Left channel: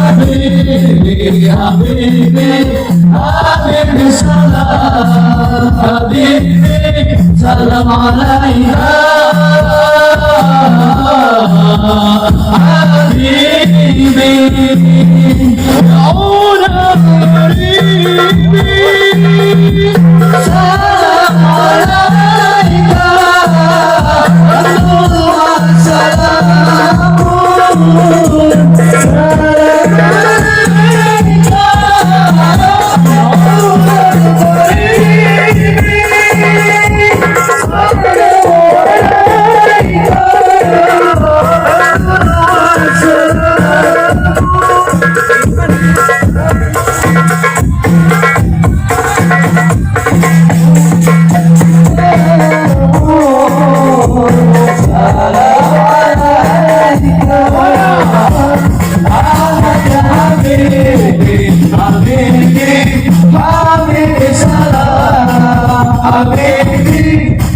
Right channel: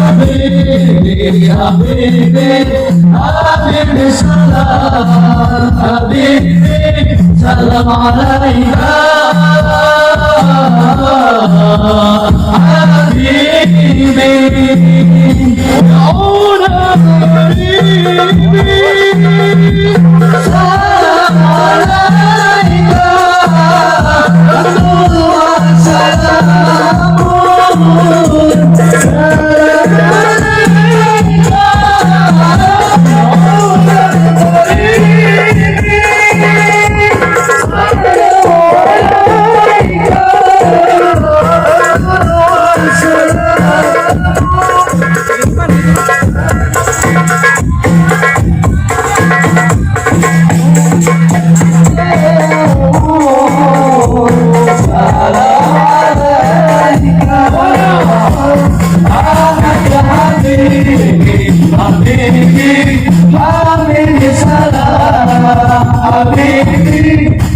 حبيبي حبيبي حبيبي سلام حبيبي سلام عليك حبيبي مولا حبيبي سلام عليك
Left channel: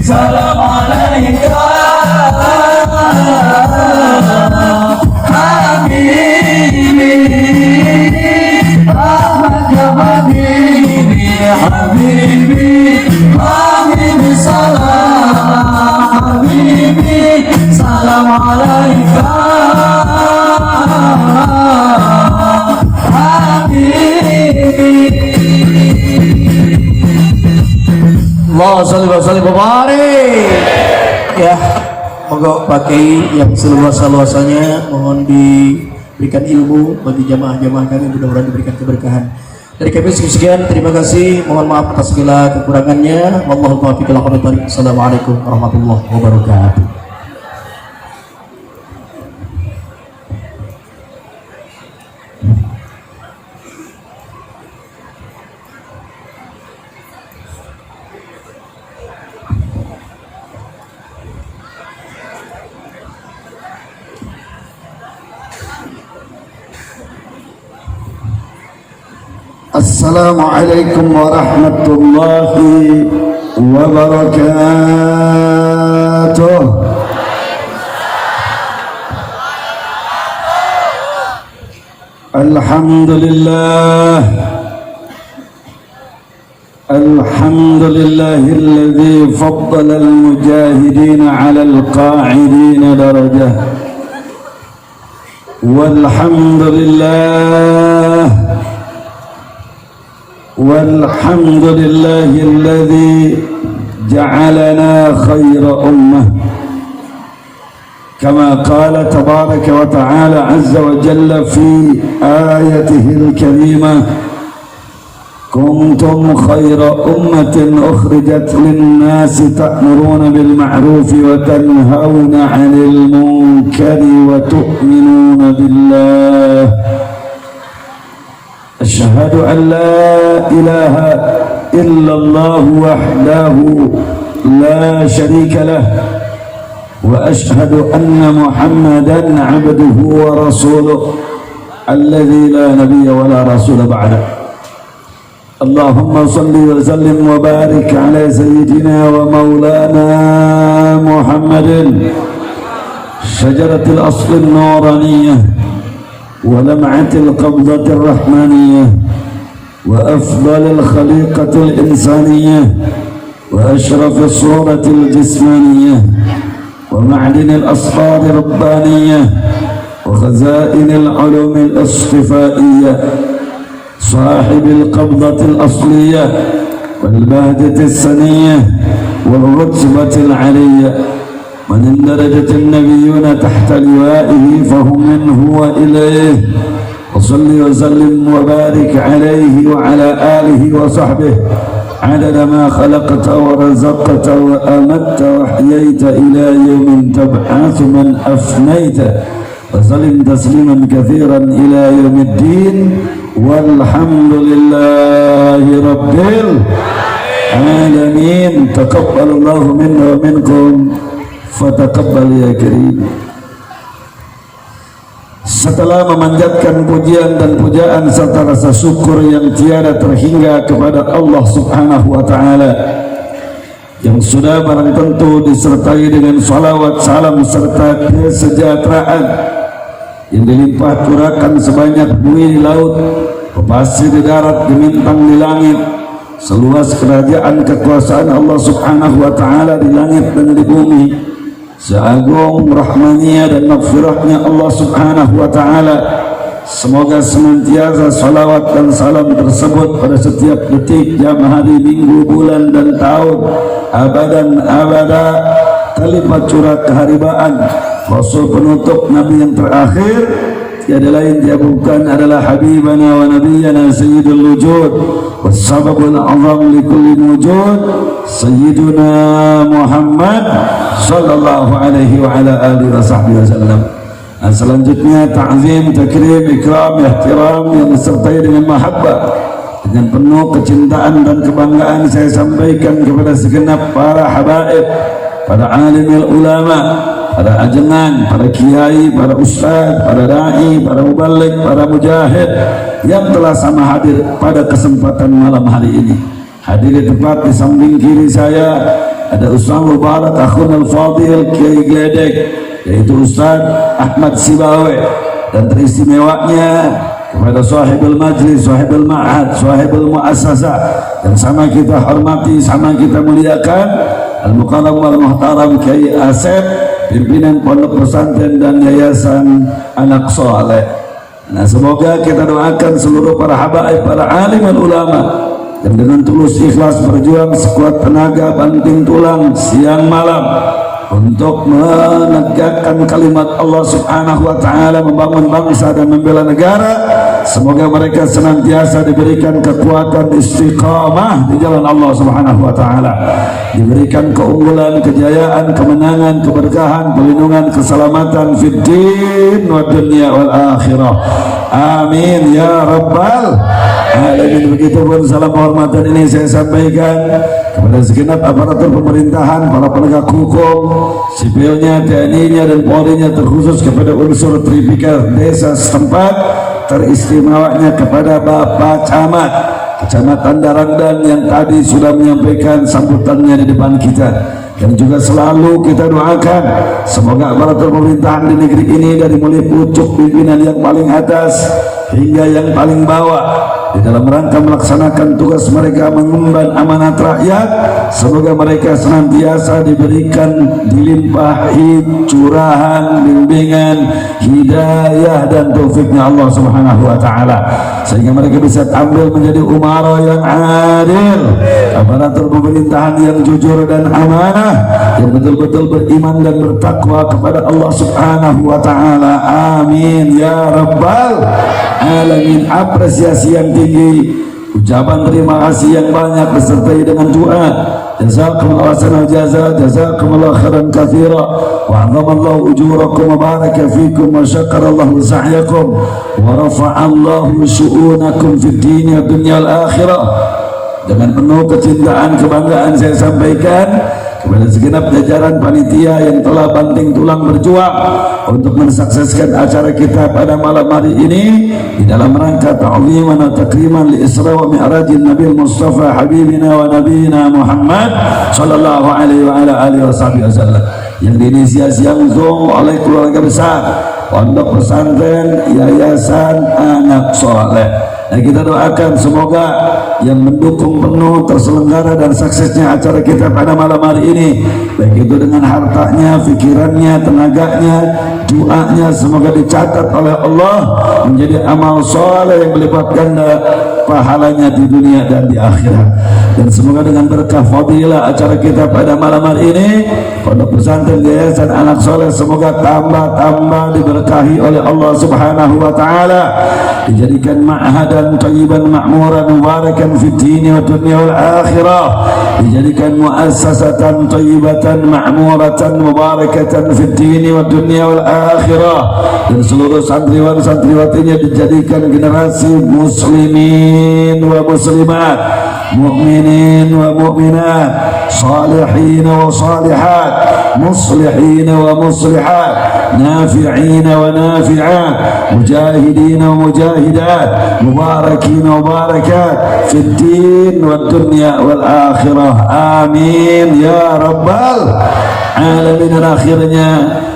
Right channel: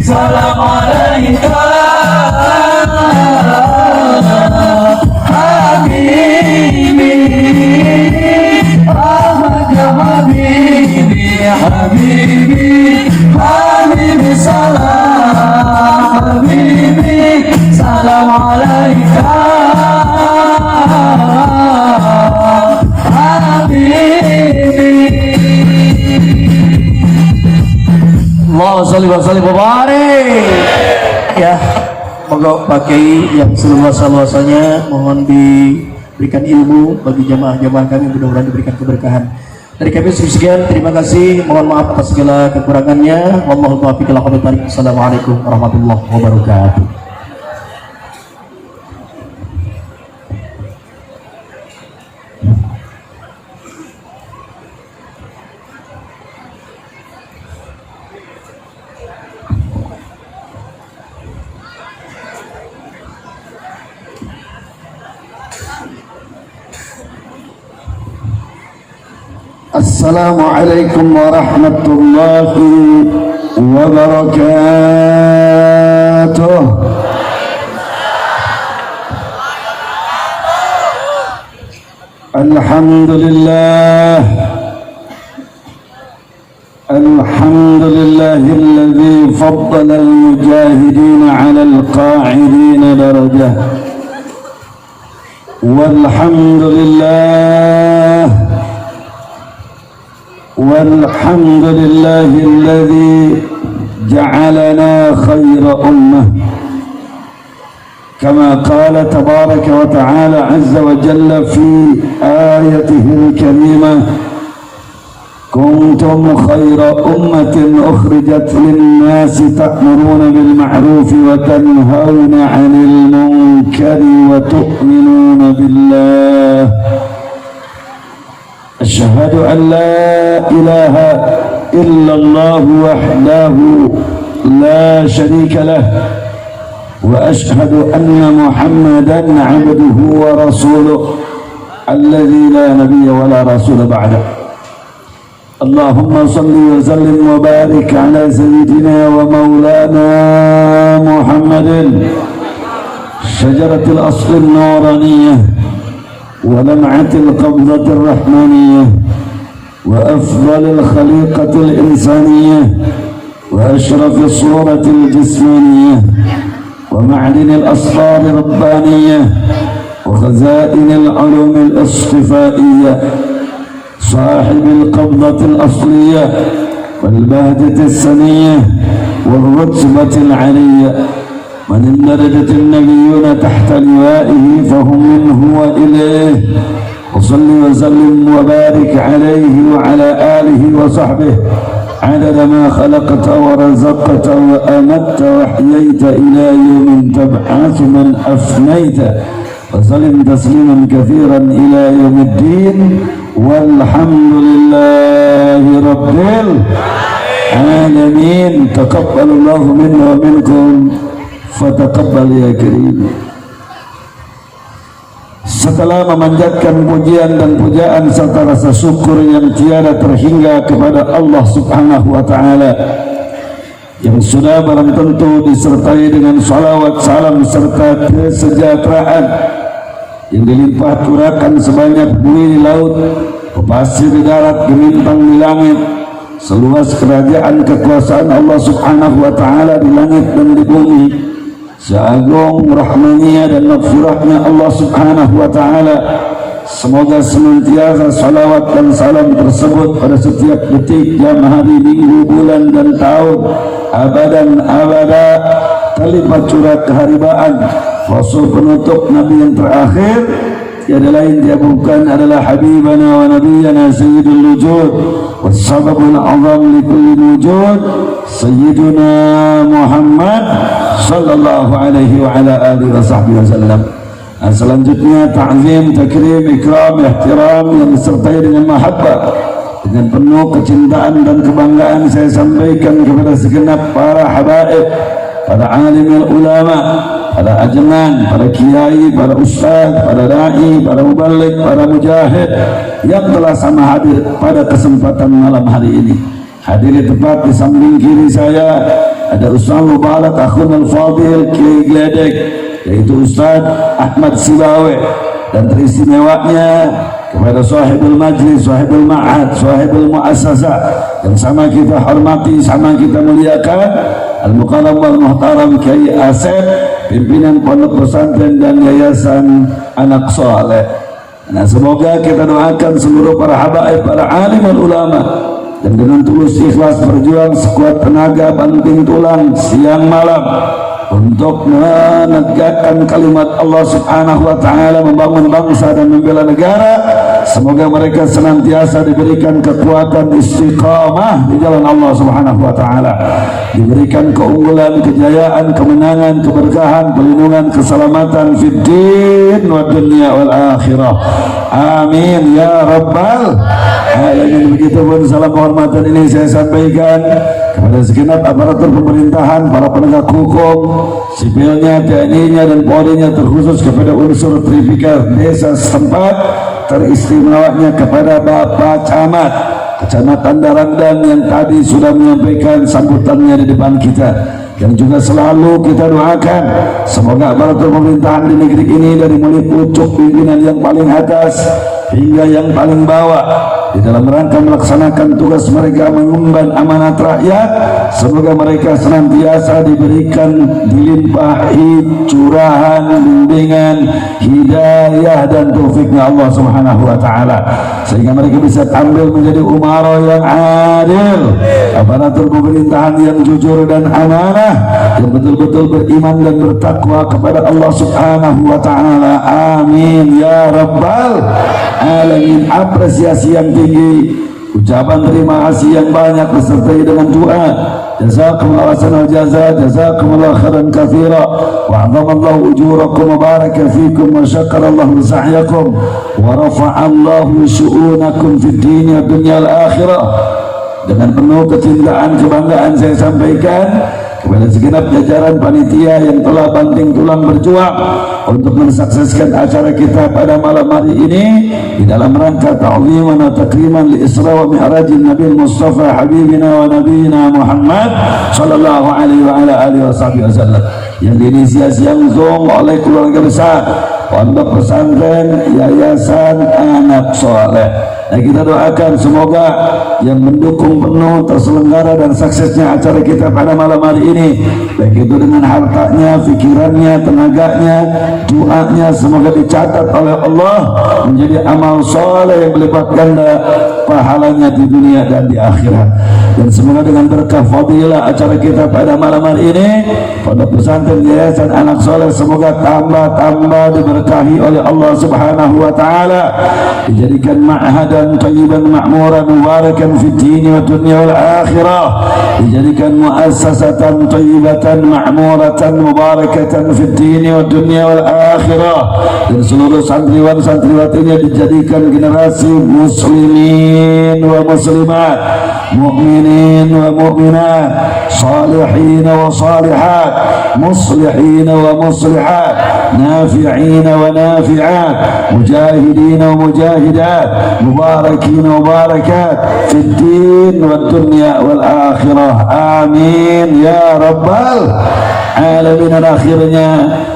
Salam alaikum Habibi Ahmad ya Habibi Habibi Habibi salam Habibi salam alaikum Allah salli wa sallim wa barik. Ya, moga pakai yang seluas-luasnya, mohon diberikan ilmu bagi jamaah-jamaah kami, mudah-mudahan diberikan keberkahan. Dari kami sekian, terima kasih, mohon maaf atas segala kekurangannya. Wallahul muwaffiq ila aqwamit thoriq. Assalamualaikum warahmatullahi wabarakatuh. Assalamualaikum warahmatullahi wabarakatuh. Alhamdulillah alladhi faddala al-mujahidin 'ala al-qa'idin darajah. والحمد لله الذي جعلنا خير أمة كما قال تبارك وتعالى عز وجل في آيته الكريمة كنتم خير أمة أخرجت للناس تأمرون بالمعروف وتنهون عن المنكر وتؤمنون بالله أشهد أن لا إله إلا الله وحده لا شريك له وأشهد أن محمدا عبده ورسوله الذي لا نبي ولا رسول بعده. اللهم صل وسلم وبارك على سيدنا ومولانا محمد شجرة الأصل النورانية ولمعة القبضة الرحمانية وأفضل الخليقة الإنسانية وأشرف الصورة الجسمانية ومعدن الأسرار الربانية وخزائن العلوم الاصطفائية صاحب القبضة الأصلية والبهجة السنية والرتبة العلية من اندرجت النبيون تحت لوائه فهم منه وإليه وصل وسلم وبارك عليه وعلى آله وصحبه عدد ما خلقت ورزقت وأمت وحييت إلى يوم تبعث من أفنيت وسلم تسليما كثيرا إلى يوم الدين والحمد لله رب العالمين. تقبل الله منا ومنكم fataqabbal ya karim. Setelah memanjatkan pujian dan pujaan serta rasa syukur yang tiada terhingga kepada Allah Subhanahu wa taala yang sudah barang tentu disertai dengan salawat salam serta kesejahteraan yang dilimpah curahkan sebanyak bumi di laut, pasir di darat, gemintang di langit, seluas kerajaan kekuasaan Allah Subhanahu wa taala di langit dan di bumi, seagung rahmanya dan maghfirahnya Allah Subhanahu wa taala. Semoga senantiasa salawat dan salam tersebut pada setiap detik, jam, hari, minggu, bulan dan tahun abadan abada terlipat curah keharibaan Rasul penutup Nabi yang terakhir, tiada lain dia bukan adalah Habibana wa Nabiyana Sayyidul Wujud Wassababul Azam likulli wujud Sayyiduna Muhammad Sallallahu alaihi wa ala alihi wa sahbihi wa sallam. Nah, selanjutnya ta'zim, takrim, ikram, ihtiram yang disertai dengan mahabbah, dengan penuh kecintaan dan kebanggaan saya sampaikan kepada segenap para habaib, para alim ulama, para ajengan, para kiai, para ustaz, para da'i, para mubalik, para mujahid yang telah sama hadir pada kesempatan malam hari ini. Hadir tepat di samping kiri saya ada Ustaz Mubarak Akhun Al-Fadil Kiai Gedek, yaitu Ustaz Ahmad Sibawe, dan teristimewanya kepada sahibul majlis, sahibul ma'had, sahibul mu'assasah, dan sama kita hormati, sama kita muliakan Al-Muqaddam wal Muhtaram Kiai Asep, pimpinan Pondok Pesantren dan Yayasan Anak Saleh. Nah, semoga kita doakan seluruh para habaib, para alim dan ulama, dan dengan tulus ikhlas berjuang sekuat tenaga, banting tulang siang malam untuk menegakkan kalimat Allah Subhanahu wa taala, membangun bangsa dan membela negara. Semoga mereka senantiasa diberikan kekuatan istiqamah di jalan Allah Subhanahu wa taala, diberikan keunggulan, kejayaan, kemenangan, keberkahan, perlindungan, keselamatan fid din wa dunya wal akhirah. Amin ya rabbal alamin. Begitupun salam hormatan ini saya sampaikan kepada segenap aparatur pemerintahan, para penegak hukum, sipilnya, TNI-nya dan Polri-nya, terkhusus kepada unsur Tripika desa setempat, teristimewanya kepada Bapak Camat Kecamatan Darangdan yang tadi sudah menyampaikan sambutannya di depan kita, yang juga selalu kita doakan semoga aparatur pemerintahan di negeri ini dari mulai pucuk pimpinan yang paling atas hingga yang paling bawah di dalam rangka melaksanakan tugas mereka mengemban amanat rakyat, semoga mereka senantiasa diberikan dilimpahi curahan, bimbingan, hidayah dan taufiknya Allah Subhanahu wa taala, sehingga mereka bisa tampil menjadi umara yang adil, aparatur pemerintahan yang jujur dan amanah, yang betul-betul beriman dan bertakwa kepada Allah Subhanahu wa taala. Amin ya rabbal alamin. Apresiasi yang tinggi, ucapan terima kasih yang banyak disertai dengan doa. Jazakumullahu ahsanal jaza, jazakumullahu khairan katsira, wa 'azamallahu ujurakum wa baraka fikum wa syakarallahu sa'yakum wa rafa'allahu syu'unakum fid din wa dunya al akhirah. Dengan penuh kecintaan, kebanggaan saya sampaikan kepada segenap jajaran panitia yang telah banting tulang berjuang untuk mensukseskan acara kita pada malam hari ini di dalam rangka ta'ziman wa takriman li Isra wa Mi'rajin Nabi Mustafa Habibina wa Nabiyina Muhammad sallallahu alaihi wa ala alihi wasallam, yang diinisiasi langsung oleh keluarga besar Pondok Pesantren Yayasan Anak Saleh. Nah, kita doakan semoga yang mendukung penuh terselenggara dan suksesnya acara kita pada malam hari ini, baik itu dengan hartanya, pikirannya, tenaganya, doanya, semoga dicatat oleh Allah menjadi amal soleh yang berlipat ganda pahalanya di dunia dan di akhirat. Dan semoga dengan berkah fadilah acara kita pada malam hari ini, pada pesantren Yayasan Anak Soleh, semoga tambah diberkahi oleh Allah Subhanahu wa taala, dijadikan ma'hadan thayyiban ma'muran mubarakan fid din wa dunya wal akhirah, dijadikan muassasatan thayyibatan ma'muratan mubarakatan fid din wa dunya wal akhirah, dan seluruh santriwan santriwatinya dijadikan generasi muslimin wa muslimat, mu'minin wa mu'minat, salihin wa salihat, muslihin wa muslihat, nafi'in wa nafi'at, mujahidin wa mujahidat, mubarakin wa mubarakat fid din wad dunya wal akhirah. Amin ya rabbal alamin. Dan akhirnya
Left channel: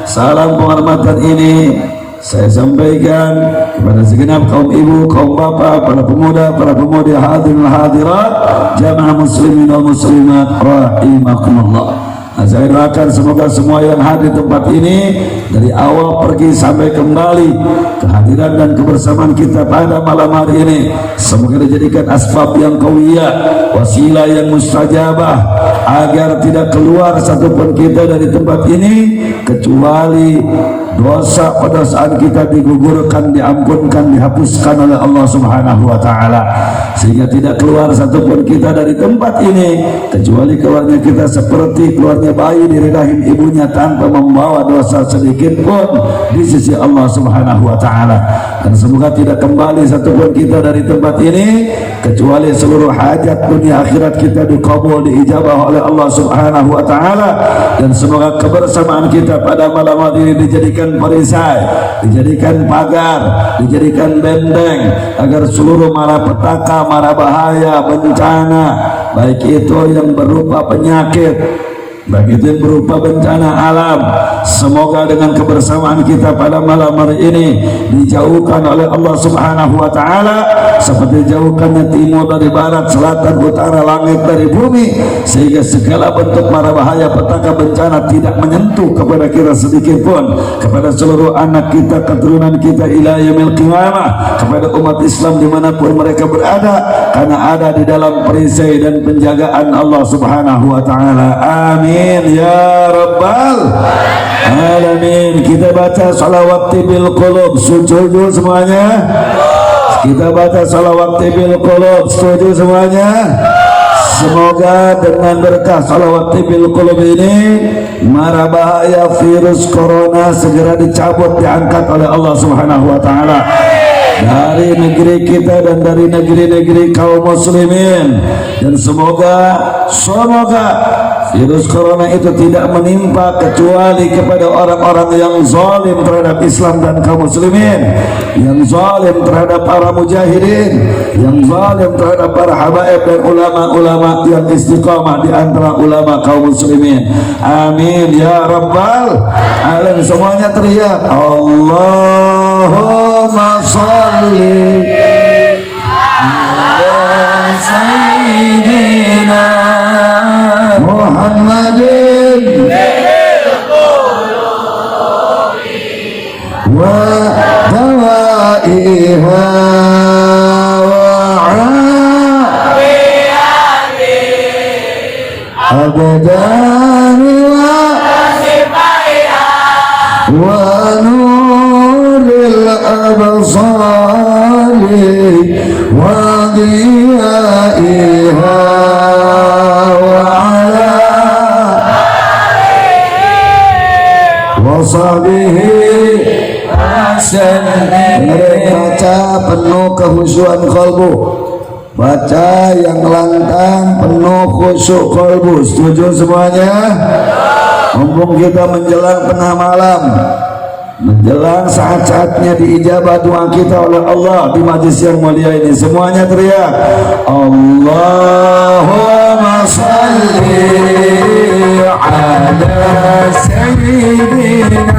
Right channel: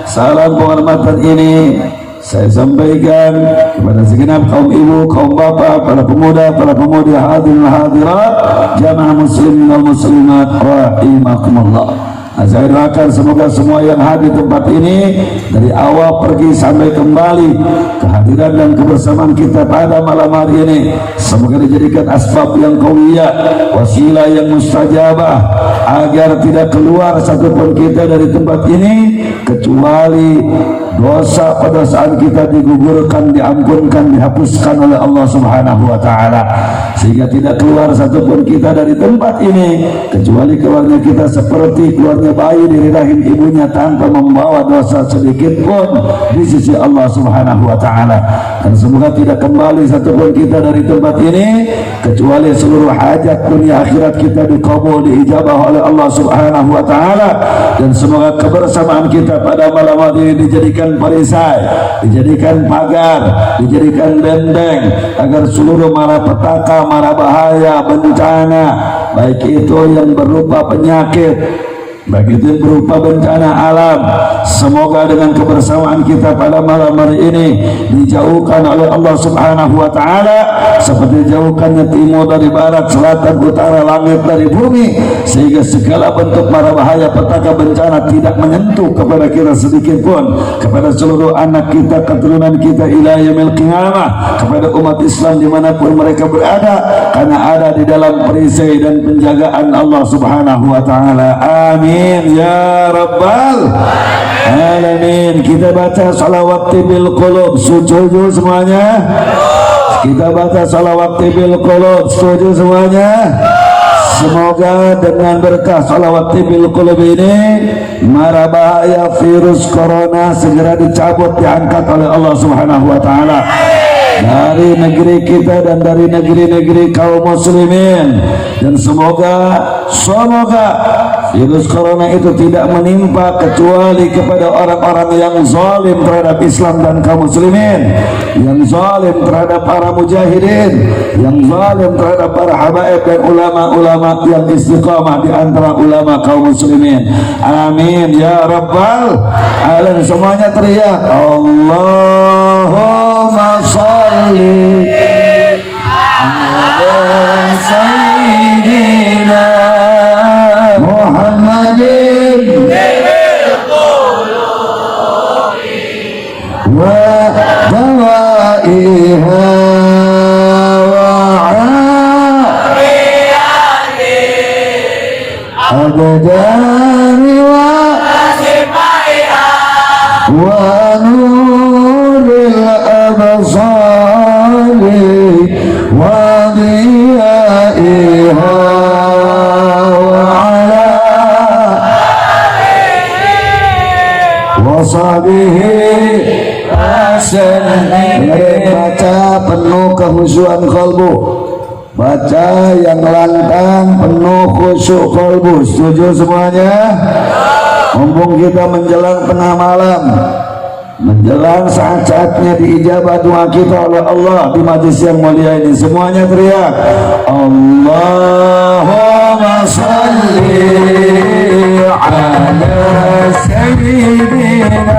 salam penghormatan ini saya sampaikan kepada segenap kaum ibu, kaum bapak, para pemuda, para pemudi, hadirin hadirat, jamaah muslimin dan muslimat rahimakumullah. Nah, saya doakan semoga semua yang hadir di tempat ini dari awal pergi sampai kembali, kehadiran dan kebersamaan kita pada malam hari ini semoga dijadikan asbab yang qawiyah, wasilah yang mustajabah, agar tidak keluar satupun kita dari tempat ini kecuali dosa pada saat kita digugurkan, diampunkan, dihapuskan oleh Allah Subhanahu wa taala, sehingga tidak keluar satupun kita dari tempat ini kecuali keluarnya kita seperti keluarnya bayi dari rahim ibunya tanpa membawa dosa sedikit pun di sisi Allah Subhanahu wa taala. Dan semoga tidak kembali satupun kita dari tempat ini kecuali seluruh hajat dunia akhirat kita dikabul, diijabah oleh Allah Subhanahu wa taala. Dan semoga kebersamaan kita pada malam hari ini dijadikan perisai, dijadikan pagar, dijadikan benteng agar seluruh mara petaka, mara bahaya, bencana, baik itu yang berupa penyakit, baik itu berupa bencana alam, semoga dengan kebersamaan kita pada malam hari ini dijauhkan oleh Allah Subhanahu wa taala seperti jauhkannya timur dari barat, selatan, utara, langit dari bumi, sehingga segala bentuk mara bahaya, petaka, bencana tidak menyentuh kepada kita sedikit pun, kepada seluruh anak kita, keturunan kita ila yaumil qiyamah, kepada umat Islam dimanapun mereka berada, karena ada di dalam perisai dan penjagaan Allah Subhanahu wa taala. Amin ya rabbal alamin. Kita baca salawat bil qulub, setuju semuanya? Kita baca salawat bil qulub, setuju semuanya? Semoga dengan berkah salawat bil qulub ini mara bahaya virus corona segera dicabut, diangkat oleh Allah Subhanahu wa taala dari negeri kita dan dari negeri-negeri kaum muslimin. Dan semoga virus corona itu tidak menimpa kecuali kepada orang-orang yang zalim terhadap Islam dan kaum muslimin, yang zalim terhadap para mujahidin, yang zalim terhadap para habaib dan ulama-ulama yang istiqamah di antara ulama kaum muslimin. Amin ya rabbal alamin. Semuanya teriak Allahumma shalli ala sayyidina Muhammadin wa dawaiha wa abdani wa nuril absari wa diyaiha wasabihi baca penuh kehusuan kalbu, baca yang lantang penuh khusyuk kalbu. Setuju semuanya? Mumpung kita menjelang tengah malam, menjelang saat-saatnya diijabah doa kita oleh Allah di majlis yang mulia ini, semuanya teriak Allahumma salli ala sayyidina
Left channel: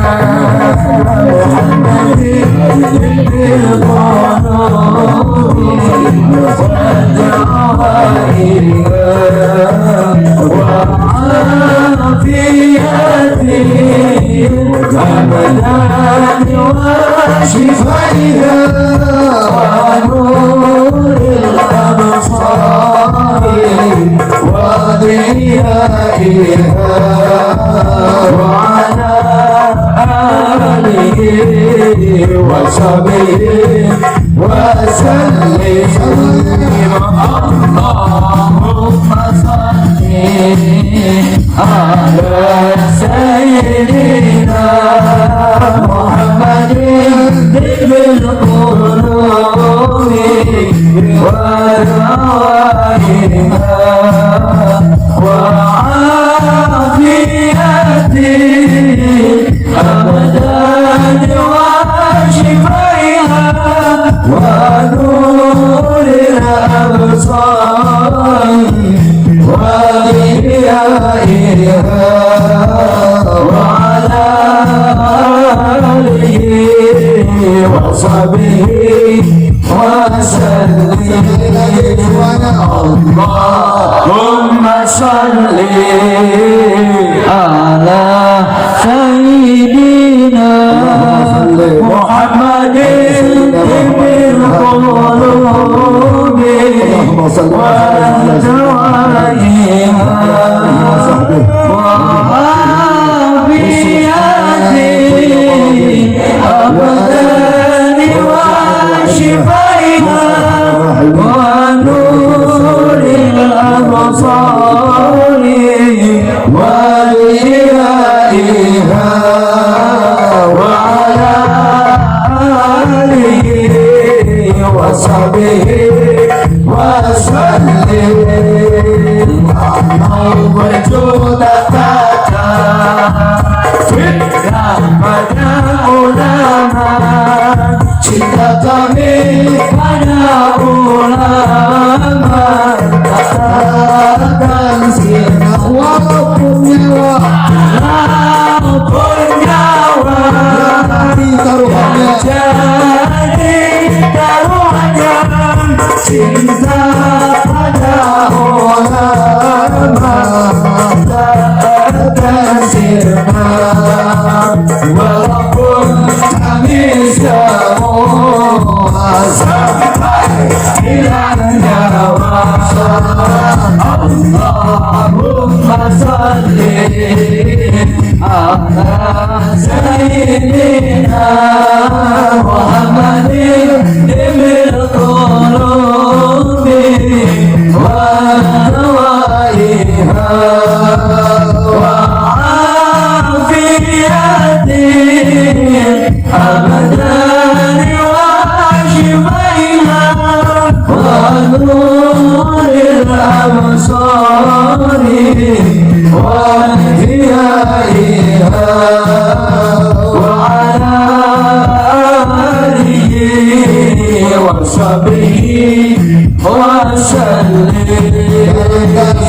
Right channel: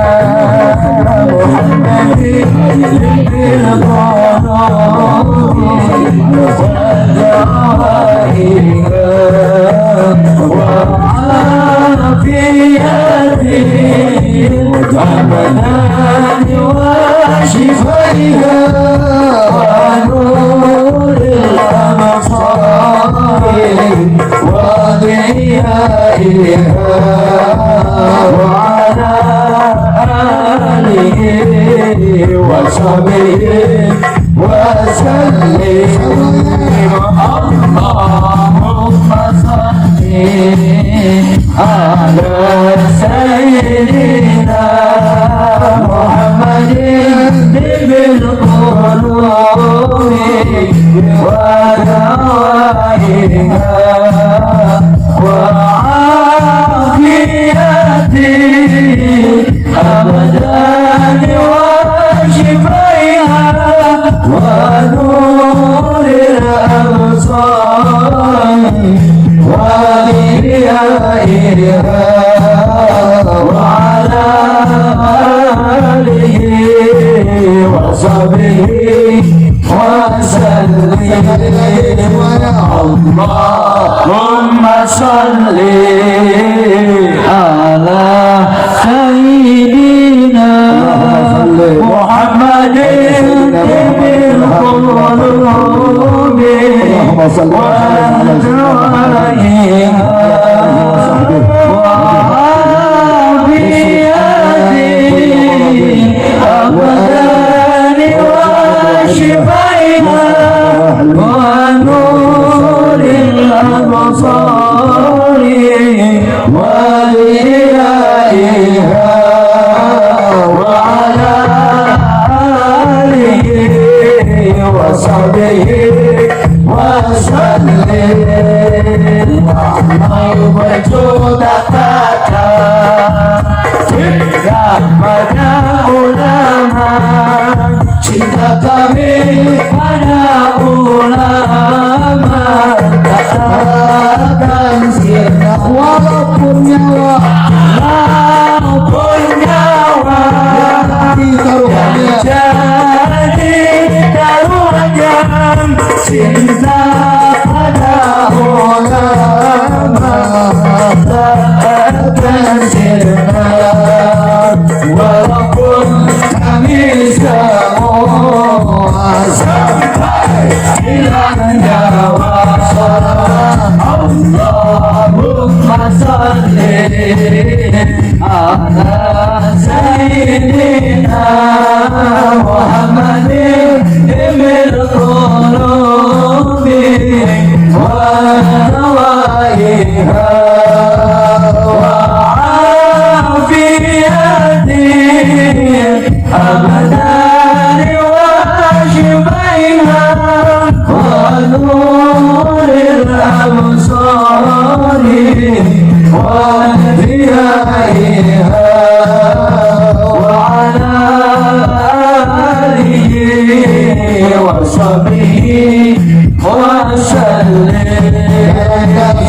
sallim.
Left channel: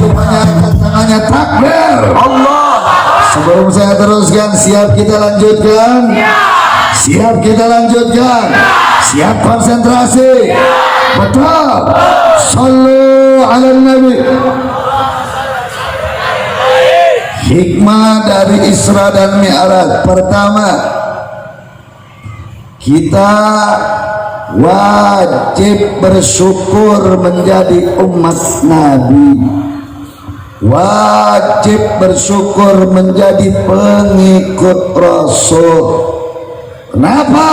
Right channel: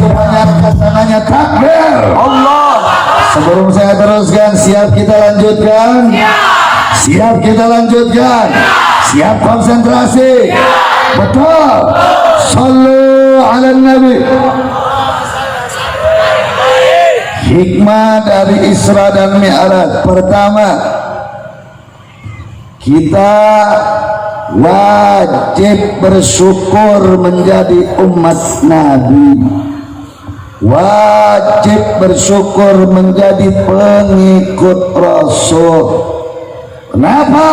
Semuanya angkat tangannya, takbir Allah. Sebelum saya teruskan, siap kita lanjutkan? Siap kita lanjutkan? Siap konsentrasi? Betul. Sallu ala Nabi. Hikmah dari Isra dan Mi'raj. Pertama, kita wajib bersyukur menjadi umat Nabi, wajib bersyukur menjadi pengikut Rasul. Kenapa?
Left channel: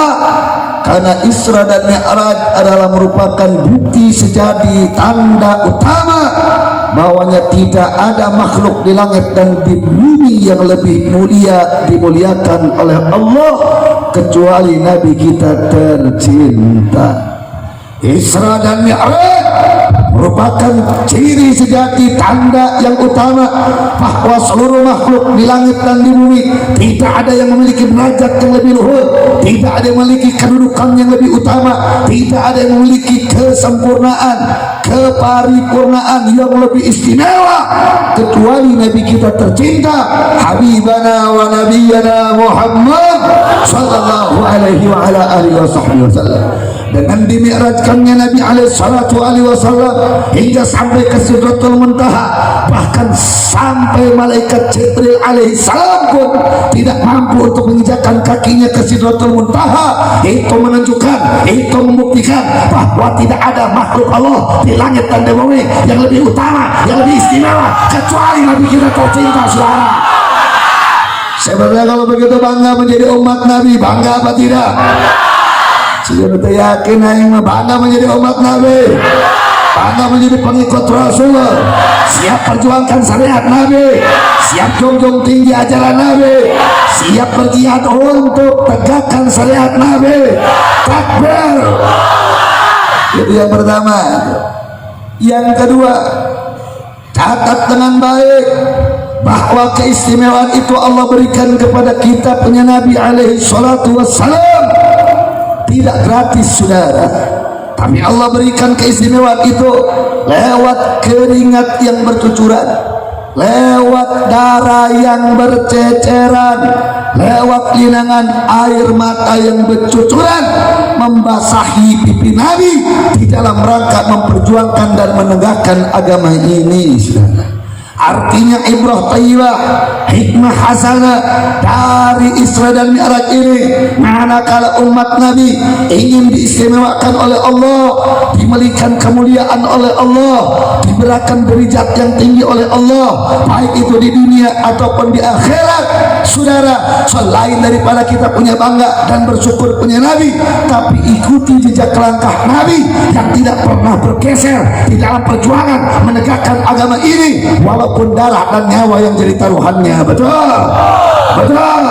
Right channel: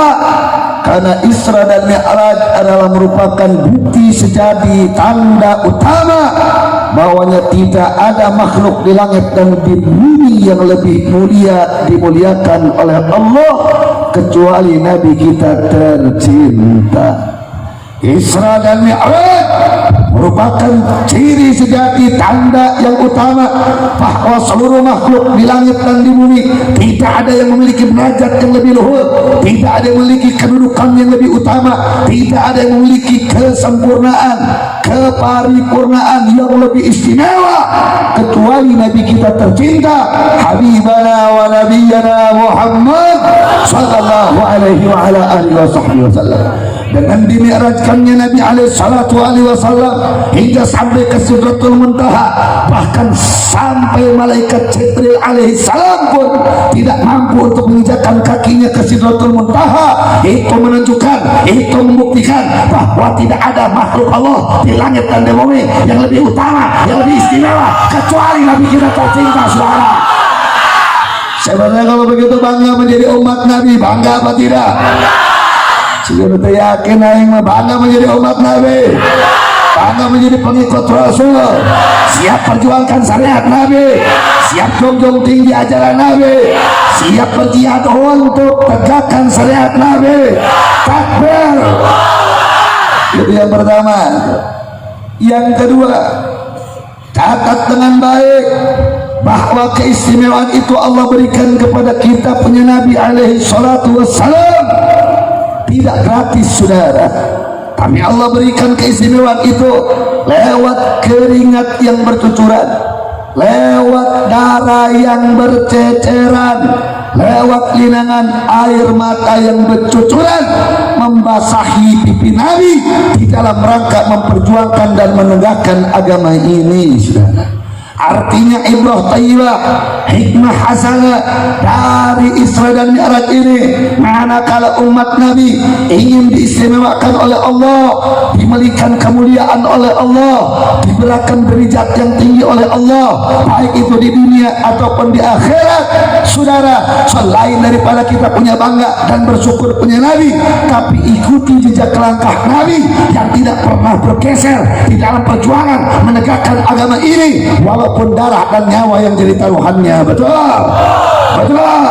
Karena Isra dan Mi'raj adalah merupakan bukti sejati, tanda utama bahwanya tidak ada makhluk di langit dan di bumi yang lebih mulia, dimuliakan oleh Allah kecuali Nabi kita tercinta. Isra dan Mi'raj merupakan ciri sejati, tanda yang utama bahwa seluruh makhluk di langit dan di bumi tidak ada yang memiliki derajat yang lebih luhur, tidak ada yang memiliki kedudukan yang lebih utama, tidak ada yang memiliki kesempurnaan, keparipurnaan yang lebih istimewa kecuali Nabi kita tercinta, Habibana wa Nabiyana Muhammad sallallahu alaihi wa ala alihi wasallam. Dengan dimi'rajkannya Nabi alaihi salatu alaihi wasallam hingga sampai ke Sidratul Muntaha, bahkan sampai malaikat Jibril alaihi salam pun tidak mampu untuk menginjakkan kakinya ke Sidratul Muntaha. Itu menunjukkan, itu membuktikan bahwa tidak ada makhluk Allah di langit dan di bumi yang lebih utama, yang lebih istimewa kecuali Nabi kita tercinta. Saudara, sebenarnya kalau begitu bangga menjadi umat Nabi, bangga apa tidak? Saya betul yakin aing bangga menjadi umat Nabi, bangga menjadi pengikut Rasul, siap perjuangkan syariat Nabi, siap junjung tinggi ajaran Nabi, siap berjihad untuk tegakkan syariat Nabi. Takbir. Itu yang pertama. Yang kedua, catat dengan baik bahwa keistimewaan itu Allah berikan kepada kita punya Nabi alaihi salatu wassalam tidak gratis, saudara. Tapi Allah berikan keistimewaan itu lewat keringat yang bercucuran, lewat darah yang berceceran, lewat linangan air mata yang bercucuran membasahi pipi Nabi di dalam rangka memperjuangkan dan menegakkan agama ini, saudara. Artinya ibrah thayyibah, hikmah hasanah dari Isra dan Mi'raj ini, manakala umat Nabi ingin diistimewakan oleh Allah, diberikan kemuliaan oleh Allah, diberikan derajat yang tinggi oleh Allah, baik itu di dunia ataupun di akhirat, saudara, selain daripada kita punya bangga dan bersyukur punya Nabi, tapi ikuti jejak langkah Nabi yang tidak pernah bergeser di dalam perjuangan menegakkan agama ini, walaupun darah dan nyawa yang jadi taruhannya. Betul, betul.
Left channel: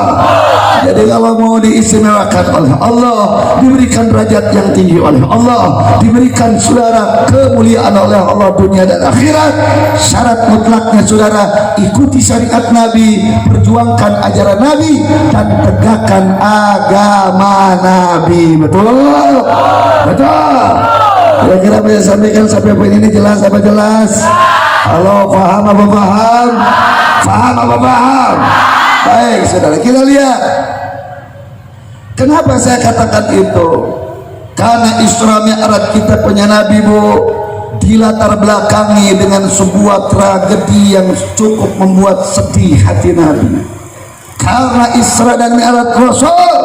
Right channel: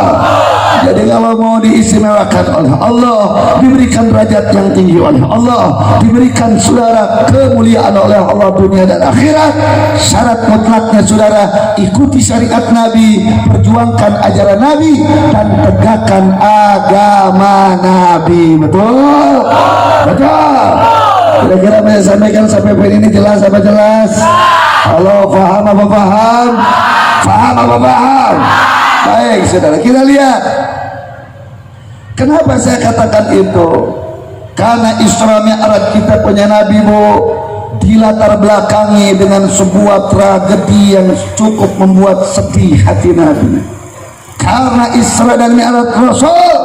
Jadi kalau mau diistimewakan oleh Allah, diberikan derajat yang tinggi oleh Allah, diberikan saudara kemuliaan oleh Allah dunia dan akhirat, syarat mutlaknya saudara ikuti syariat Nabi, perjuangkan ajaran Nabi, dan tegakkan agama Nabi. Betul, betul. Kira-kira saya sampaikan sampai poin ini jelas apa jelas? Kalau paham apa paham? Paham apa paham? Baik, saudara, kita lihat. Kenapa saya katakan itu? Karena Isra Mi'raj kita punya Nabi dilatar belakangi dengan sebuah tragedi yang cukup membuat sedih hati Nabi. Karena Isra dan Mi'raj Rasul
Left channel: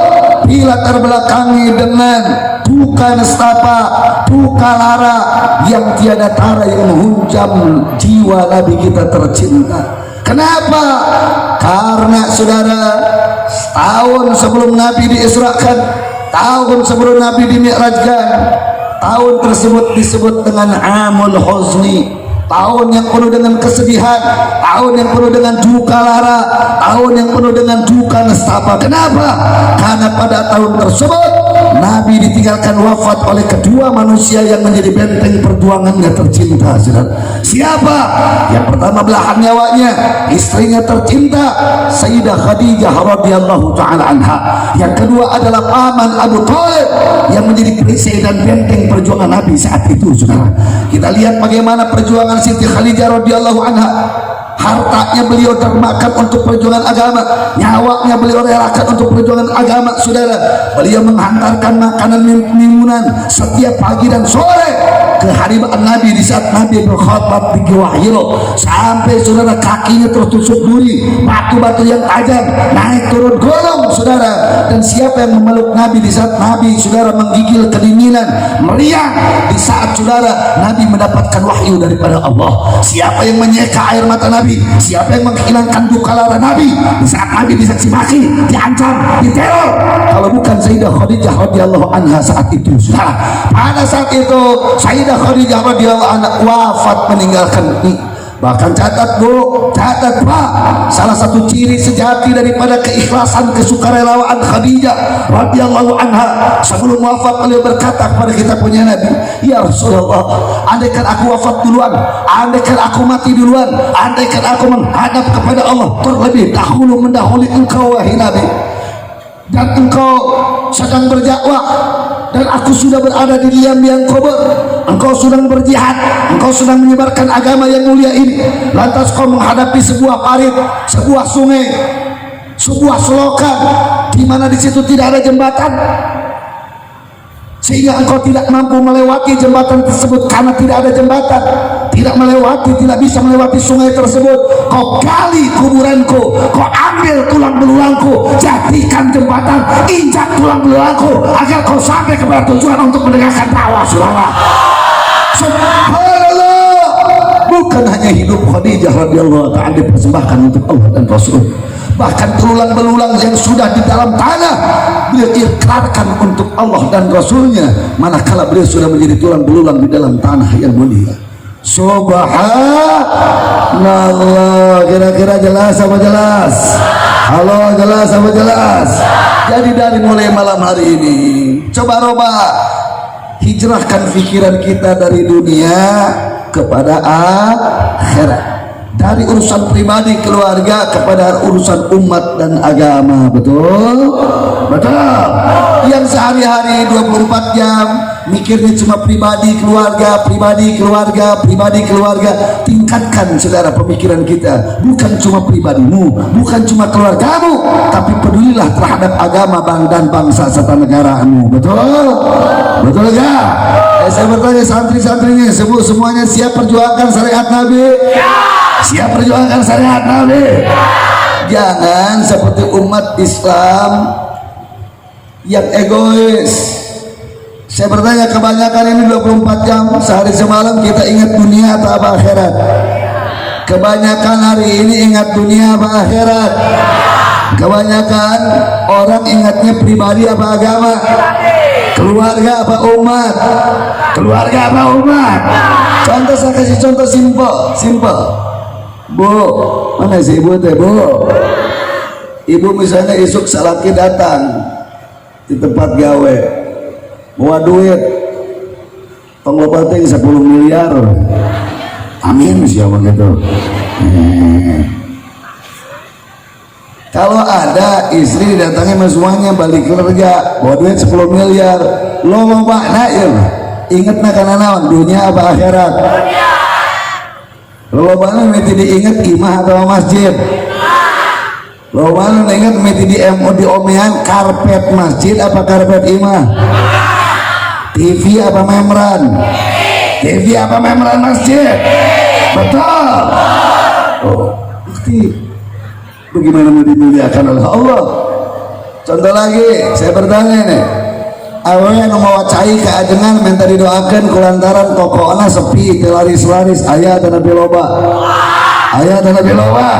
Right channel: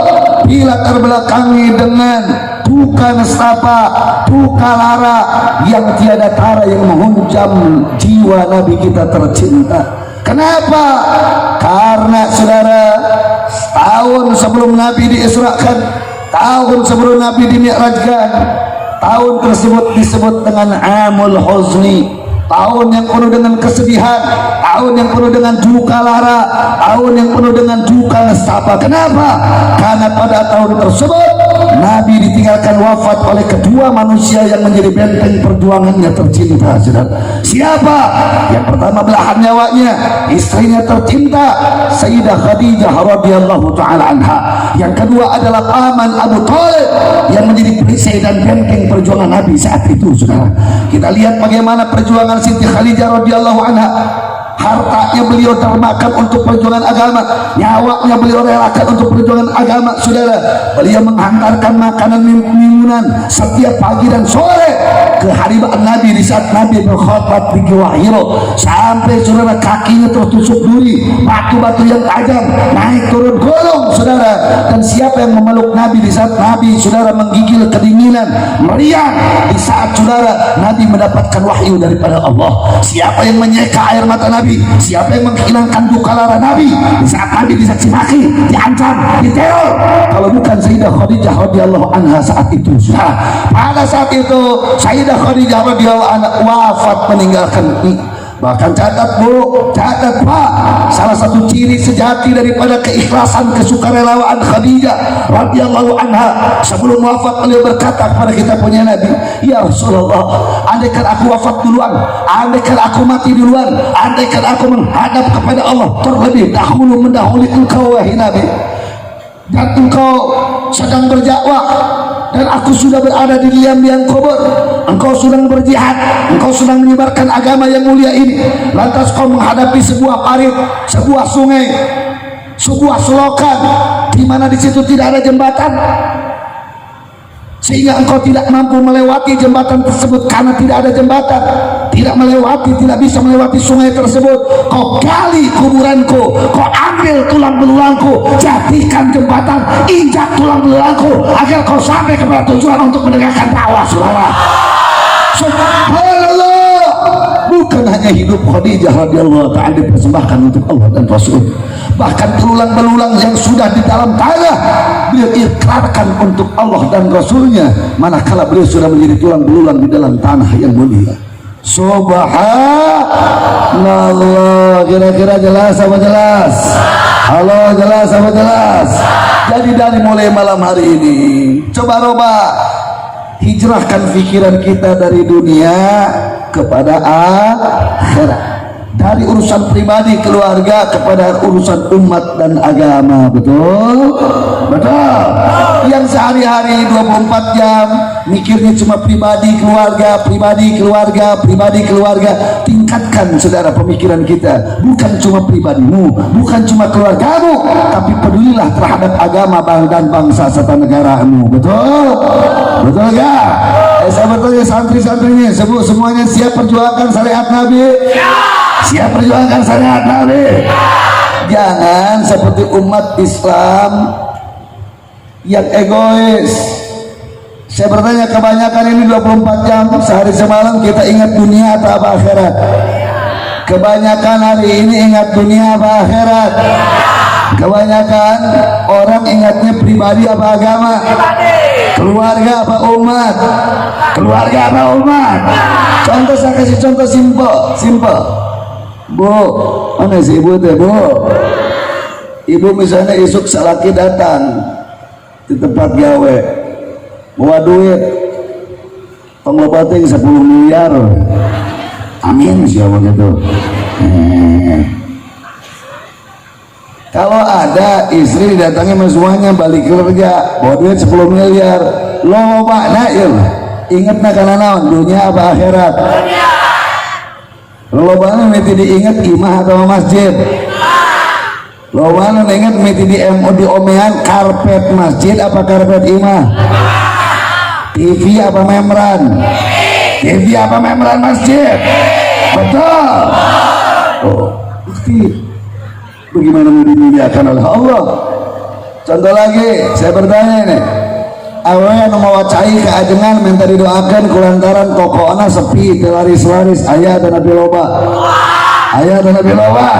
dilatar belakangi dengan duka nestapa, duka lara yang tiada tara yang menghunjam jiwa Nabi kita tercinta. Kenapa? Karena saudara, tahun sebelum Nabi diisrakan, tahun sebelum Nabi dimi'rajkan, tahun tersebut disebut dengan Amul Huzni, tahun yang penuh dengan kesedihan, tahun yang penuh dengan duka lara, tahun yang penuh dengan duka nestapa. Kenapa? Karena pada tahun tersebut Nabi ditinggalkan wafat oleh kedua manusia yang menjadi benteng perjuangannya tercinta, saudara. Siapa? Yang pertama belahan nyawanya, istrinya tercinta Sayyidah Khadijah radhiyallahu taala anha. Yang kedua adalah paman Abu Thalib yang menjadi perisai dan benteng perjuangan Nabi saat itu, saudara. Kita lihat bagaimana perjuangan Siti Khadijah radhiyallahu anha. Hartanya beliau termakan untuk perjuangan agama, nyawanya beliau relakan untuk perjuangan agama, saudara. Beliau menghantarkan makanan minuman setiap pagi dan sore ke haribaan Nabi di saat Nabi berkhutbah di Gua Hira, sampai saudara kakinya tertusuk duri, batu-batu yang tajam naik turun gunung, saudara. Dan siapa yang memeluk Nabi di saat Nabi, saudara, menggigil kedinginan, meriang di saat saudara Nabi mendapatkan wahyu daripada Allah? Siapa yang menyeka air mata Nabi? Siapa yang menghilangkan duka lara Nabi di saat Nabi dicaci maki, diancam, diteror? Kalau bukan Sayyidah Khadijah radhiyallahu anha saat itu. Pada saat itu Sayyidah Khadijah radhiyallahu anha wafat, meninggalkan. Bahkan catat bu, catat pak, salah satu ciri sejati daripada keikhlasan kesukarelawan Khadijah radhiyallahu anha, sebelum wafat beliau berkata kepada kita punya Nabi, ya Rasulullah, andaikan aku wafat duluan, andaikan aku mati duluan, andaikan aku menghadap kepada Allah terlebih dahulu mendahului engkau wahai Nabi, dan engkau sedang berdakwah dan aku sudah berada di liang-liang kubur, engkau sedang berjihad, engkau sedang menyebarkan agama yang mulia ini, lantas kau menghadapi sebuah parit, sebuah sungai, sebuah selokan di mana di situ tidak ada jembatan, sehingga engkau tidak mampu melewati jembatan tersebut karena tidak ada jembatan, tidak bisa melewati sungai tersebut. Kau gali kuburanku, kau ambil tulang belulangku, jadikan jembatan, injak tulang belulangku agar kau sampai kepada tujuan untuk menegakkan dakwah, saudara. Subhanallah. Bukan hanya hidup Khadijah radhiyallahu ta'ala dipersembahkan untuk Allah dan Rasul, bahkan tulang belulang yang sudah di dalam tanah beliau ikrarkan untuk Allah dan Rasulnya, manakala beliau sudah menjadi tulang belulang di dalam tanah yang mulia. Subhanallah. Kira-kira jelas apa jelas? Halo, jelas apa jelas? Jadi dari mulai malam hari ini, coba hijrahkan pikiran kita dari dunia kepada akhirat, dari urusan pribadi keluarga kepada urusan umat dan agama. Betul? Betul. Yang sehari-hari 24 jam mikirnya cuma pribadi keluarga, pribadi keluarga, pribadi keluarga. Tingkatkan saudara pemikiran kita, bukan cuma pribadimu, bukan cuma keluargamu, tapi pedulilah terhadap agama dan bangsa serta negaramu. Betul? Betul gak? Saya bertanya santri-santrinya, semuanya siap perjuangkan syariat Nabi? Siap perjuangkan syariat Nabi? Jangan seperti umat Islam yang egois. Saya bertanya, kebanyakan ini 24 jam sehari semalam kita ingat dunia atau apa akhirat? Kebanyakan hari ini ingat dunia apa akhirat? Kebanyakan orang ingatnya pribadi apa agama? Keluarga apa umat? Keluarga apa umat? Contoh, saya kasih contoh simpel. Bu, mana si ibu teh, Bu? Ibu misalnya esok salaki datang di tempat gawe, bawa duit pengelopating 10 miliar. Amin, siapa gitu. Kalau ada istri datangnya semuanya balik kerja bawa duit 10 miliar, lo makna ya inget nak naon dunia apa akhirat? Lo banget mesti diinget imah atau masjid? Lo banget inget mesti di omehan karpet masjid apa karpet imah? TV apa membran? TV apa membran masjid? Betul. Oh, pasti. Bagaimana mau dimuliakan oleh Allah? Contoh lagi, saya bertanya nih, awalnya mau cai keajengan minta didoakan kulantaran tokoana sepi telaris-laris ayah dan nabi loba, ayah dan nabi loba.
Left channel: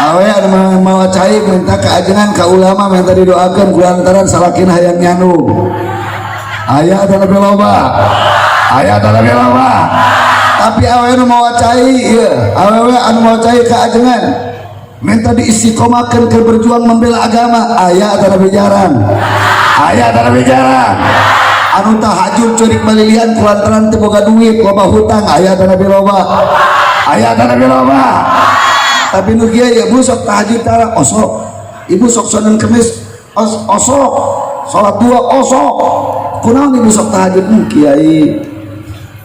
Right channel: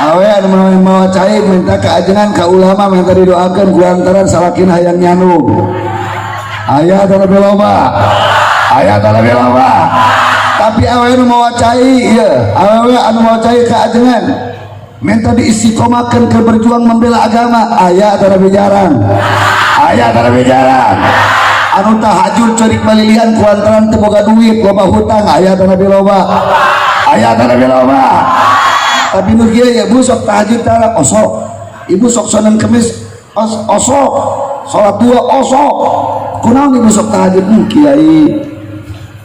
Awalnya mau cai minta keajengan ke ulama minta didoakan kulantaran salakin hayang nyanu, ayah dan nabi loba, ayah dan nabi loba. Tapi awalnya mau cai, ya awalnya mau cai keajengan minta diistiqomahkan ke berjuang membela agama, ayah ada nabi jarang, Aya tarawe jarang. Anu tahajud cerik malilian kulantaran teu boga duit, loba hutang, aya tarawe loba. Aya tarawe loba. Tapi nu kieu ya Bu sok tahajud tara osok. Ibu sok Senin Kemis osok. Salat dua osok. Kunaon ibu sok tahajud Kiai?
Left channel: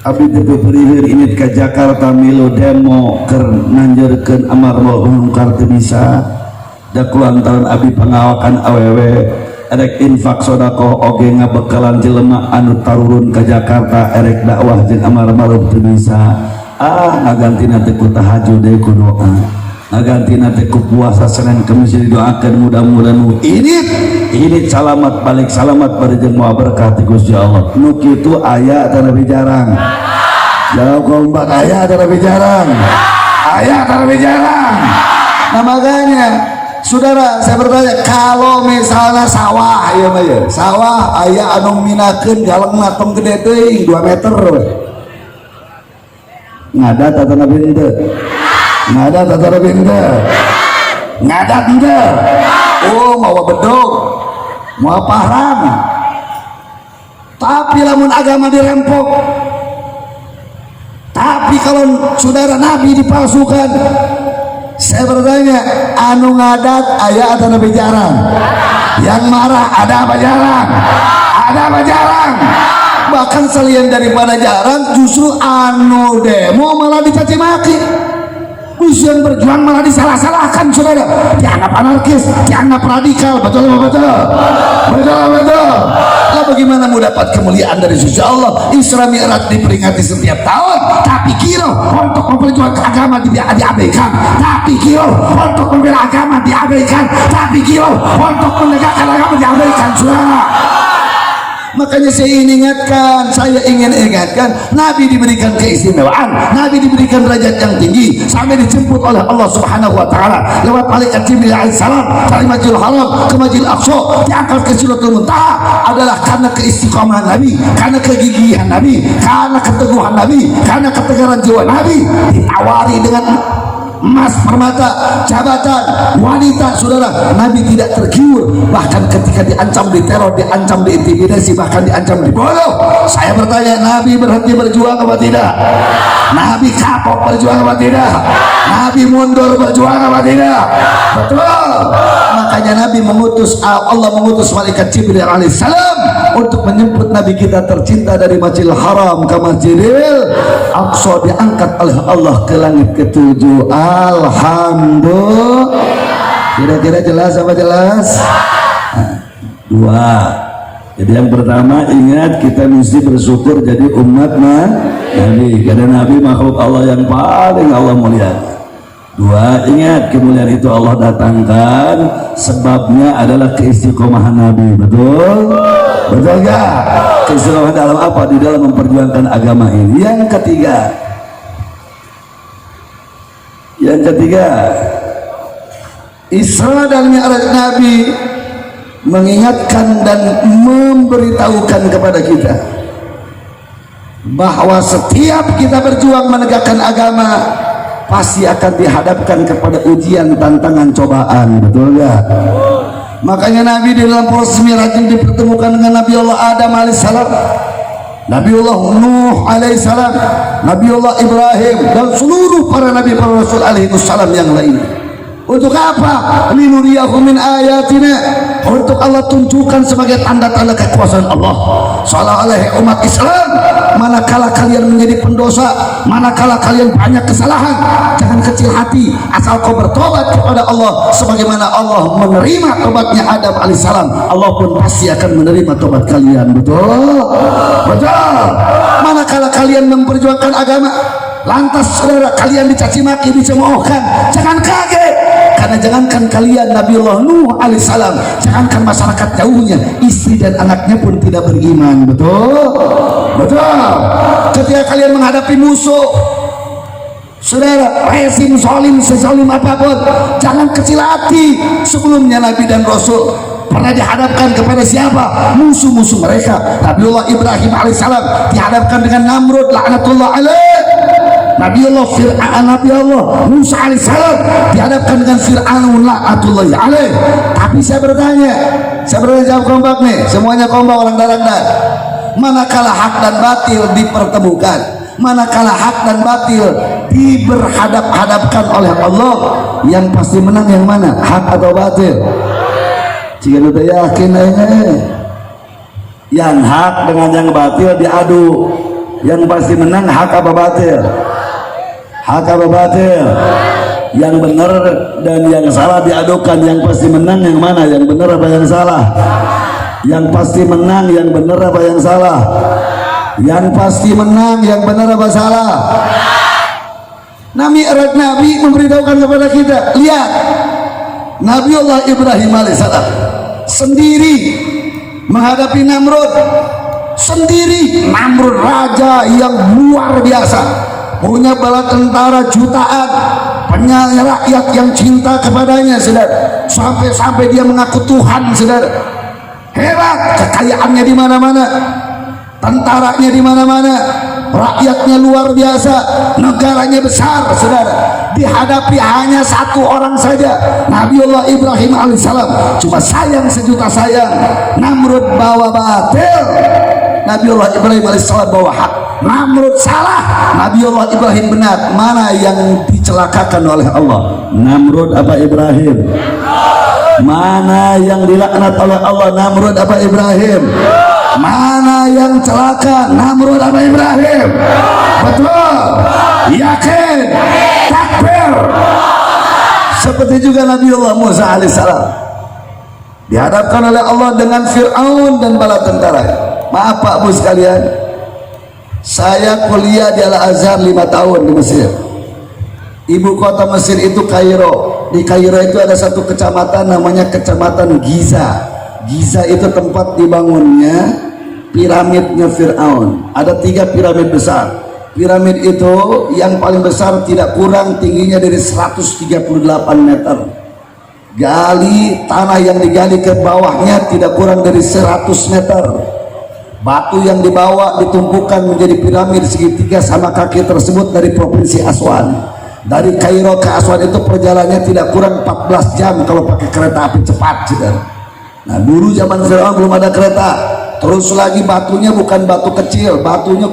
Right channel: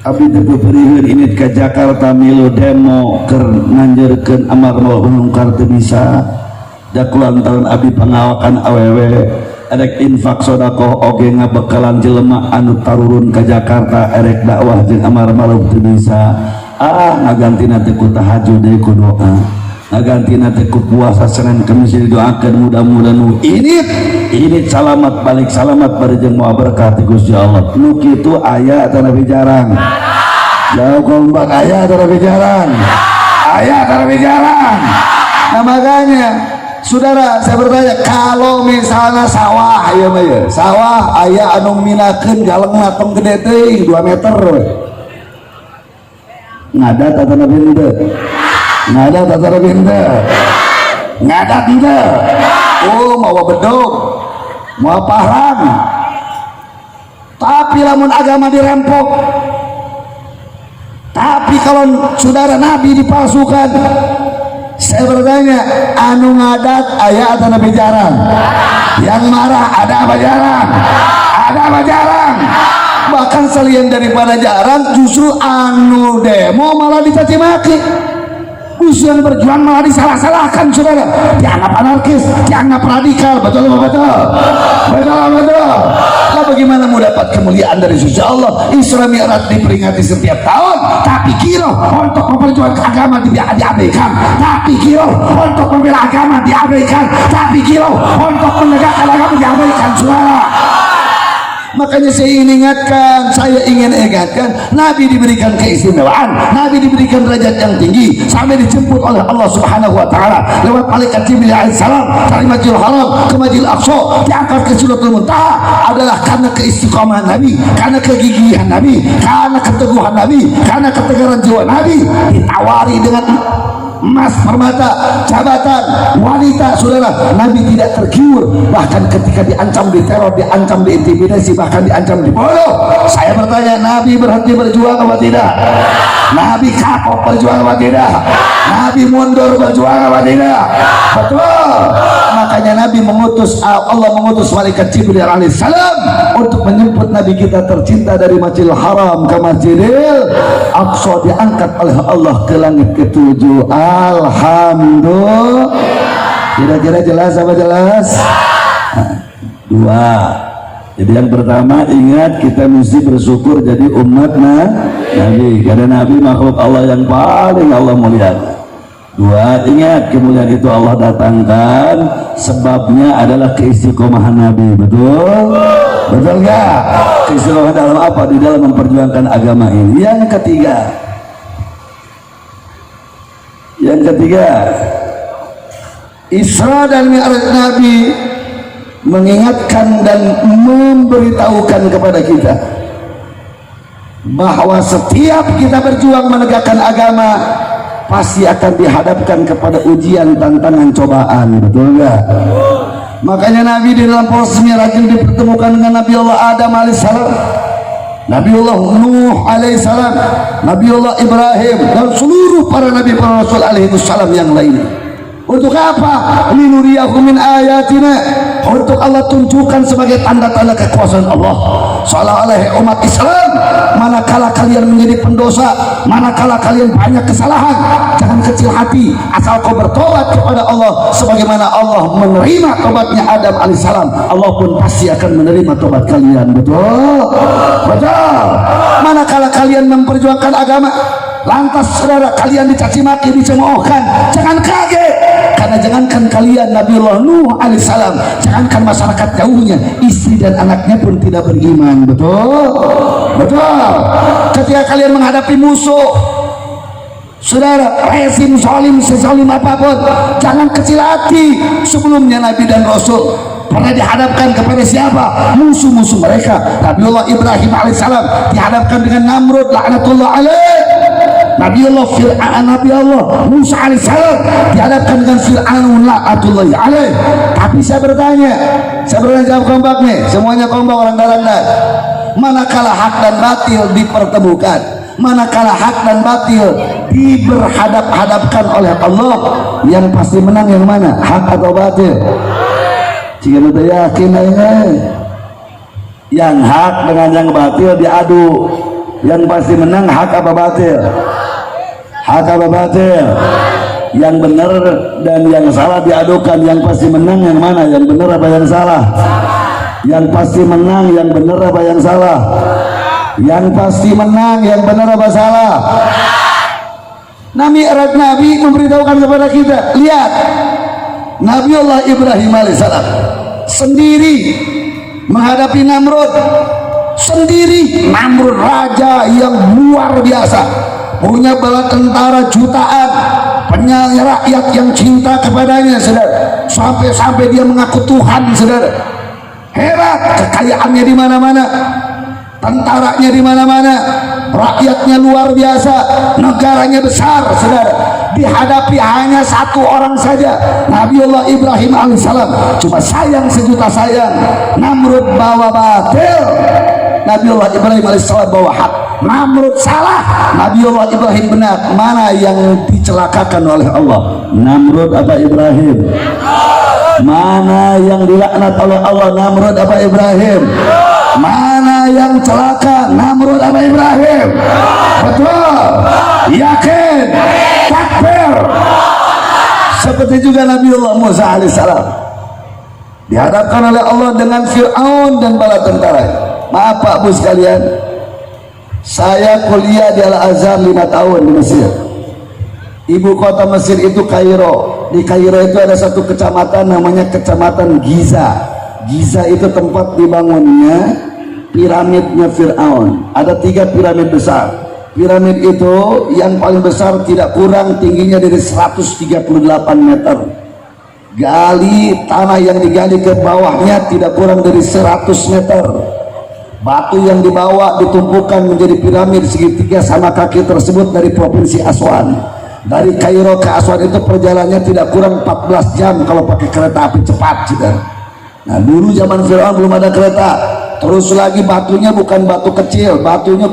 Abdi teu periheur ini ke Jakarta milu demo keur nanjeurkeun amar ma'ruf teu bisa. Da kulantaran abdi pangawakan awewe erek infak sodako oge ngabekalan jelema anu tarurun ke Jakarta erek dakwah jeung amar ma'ruf teu bisa. Ngagantina teh ku tahajud deui ku doa. Ngagantina teh ku puasa Senin Kemis didoakeun mudah-mudahan ini selamat balik selamat bareng moal berkah ti Gusti Allah. Nu kitu aya teh nabi jarang. Jauh kompak aya teh nabi jarang. Aya teh nabi jarang. Nah, makanya saudara saya bertanya, kalau misalnya sawah ya mah ya, sawah aya anu minakeun galengna tong gede teh 2 meter. Ngadat atau nabi henteu? Ngadat atau nabi henteu? Ngadat henteu? Oh, mawa bedog, mawa parang. Tapi lamun agama dirempok, tapi kalau saudara nabi dipalsukan, saya bertanya, anu ngadat aya atau nabi jarang? Yang marah ada apa jarang? Ada apa jarang? Bahkan selain daripada jarang, justru anu demo malah dicaci maki. Yang berjuang malah disalah-salahkan, saudara. Dianggap anarkis, dianggap radikal. Betul. Lah bagaimana mau dapat kemuliaan dari Gusti Allah? Isra Mi'raj diperingati setiap tahun, tapi kira untuk memperjuangkan agama diabaikan. Tapi kira untuk membela agama diabaikan. Tapi kira untuk menegakkan agama diabaikan, saudara. Makanya saya ingin ingatkan, Nabi diberikan keistimewaan, Nabi diberikan derajat yang tinggi sampai dijemput oleh Allah Subhanahu wa taala lewat malaikat Jibril alaihi salam dari Masjidil Haram ke Masjidil Aqsa, diangkat ke Sidratul Muntaha adalah karena keistiqomahan Nabi, karena kegigihan Nabi, karena keteguhan Nabi, karena ketegaran jiwa Nabi. Ditawari dengan emas, permata, jabatan, wanita, saudara, Nabi tidak tergiur. Bahkan ketika diancam diteror, diancam diintimidasi, bahkan diancam dibunuh. Saya bertanya, Nabi berhenti berjuang apa tidak? Nabi kapok berjuang apa tidak? Nabi mundur berjuang apa tidak? Betul. Makanya Nabi Allah mengutus malaikat Jibril alaihissalam untuk menjemput Nabi kita tercinta dari Masjidil Haram ke Masjidil Aqsa, diangkat oleh Allah ke langit ke-7. Alhamdulillah. Kira-kira jelas apa jelas? Dua. Jadi yang pertama, ingat kita mesti bersyukur jadi umat Nabi, karena Nabi makhluk Allah yang paling Allah muliakan. Dua, ingat kemuliaan itu Allah datangkan sebabnya adalah keistiqomahan Nabi. Betul? Betul enggak? Keistiqomahan dalam apa? Di dalam memperjuangkan agama ini. Yang ketiga, Isra dan Mi'raj Nabi mengingatkan dan memberitahukan kepada kita bahwa setiap kita berjuang menegakkan agama pasti akan dihadapkan kepada ujian, tantangan, cobaan. Betul enggak? Makanya Nabi di dalam proses Mi'raj dipertemukan dengan Nabi Allah Adam alaihissalam, Nabi Allah Nuh alaihissalam, Nabi Allah Ibrahim, dan seluruh para nabi, para rasul alaihissalam yang lain. Untuk apa? Linuriyahu min ayatina, untuk Allah tunjukkan sebagai tanda-tanda kekuasaan Allah. Seolah-olah umat Islam, manakala kalian menjadi pendosa, manakala kalian banyak kesalahan, jangan kecil hati, asal kau bertobat kepada Allah sebagaimana Allah menerima tobatnya Adam alaihissalam, Allah pun pasti akan menerima tobat kalian. Betul? Manakala kalian memperjuangkan agama, lantas saudara kalian dicaci maki, dicemoohkan, jangan kaget. Karena jangankan kalian, Nabiullah Nuh alaihissalam, jangankan masyarakat jauhnya, istri dan anaknya pun tidak beriman. Betul. Ketika kalian menghadapi musuh, saudara, rezim sezolim apapun, jangan kecil hati. Sebelumnya Nabi dan Rasul pernah dihadapkan kepada siapa? Musuh-musuh mereka. Nabiullah Ibrahim alaihissalam dihadapkan dengan Namrud laknatullah alaih. Nabi Allah Musa alaihissalam dihadapkan dengan Fir'aun laknatullahi alaih. Tapi Tapi saya bertanya jawab kompak nih, semuanya kompak orang daranda. Manakala hak dan batil dipertemukan, manakala hak dan batil diberhadap-hadapkan oleh Allah, yang pasti menang yang mana? Hak atau batil? Jika kita yakin aja, yang hak dengan yang batil diadu, yang pasti menang hak apa batil? Hak apa batil? Yang benar dan yang salah diadukan, yang pasti menang yang mana? Yang benar apa yang salah? Yang pasti menang yang benar apa yang salah? Yang pasti menang yang benar apa salah? Nabi memberitahukan kepada kita, lihat Nabi Allah Ibrahim alaihissalam sendiri menghadapi Namrud sendiri. Namrud raja yang luar biasa, punya bala tentara jutaan, punya rakyat yang cinta kepadanya, saudara. Sampai dia mengaku Tuhan, saudara. Hebat, kekayaannya di mana-mana, tentaranya di mana-mana, rakyatnya luar biasa, negaranya besar, saudara. Dihadapi hanya satu orang saja, Nabiullah Ibrahim alaihissalam. Cuma sayang sejuta sayang, Namrud bawa batil, Nabiullah Ibrahim alaihissalam bawa hak. Namrud salah, Nabiullah Ibrahim benar. Mana yang dicelakakan oleh Allah? Namrud apa Ibrahim? Mana yang dilaknat oleh Allah? Namrud apa Ibrahim? Mana yang celaka? Namrud apa Ibrahim? Betul? Yakin? Takbir? Seperti juga Nabiullah Musa alaihissalam dihadapkan oleh Allah dengan Fir'aun dan bala tentara. Maaf Pak Bu sekalian, saya kuliah di Al-Azhar 5 tahun di Mesir. Ibu kota Mesir itu Kairo. Di Kairo itu ada satu kecamatan namanya Kecamatan Giza. Giza itu tempat dibangunnya piramidnya Fir'aun. Ada 3 piramid besar. Piramid itu yang paling besar tidak kurang tingginya dari 138 meter. Gali, tanah yang digali ke bawahnya tidak kurang dari 100 meter. Batu yang dibawa ditumpukan menjadi piramid segitiga sama kaki tersebut dari provinsi Aswan. Dari Kairo ke Aswan itu perjalanannya tidak kurang 14 jam kalau pakai kereta api cepat, saudara. Nah, dulu zaman Fir'aun belum ada kereta. Terus lagi batunya bukan batu kecil, batunya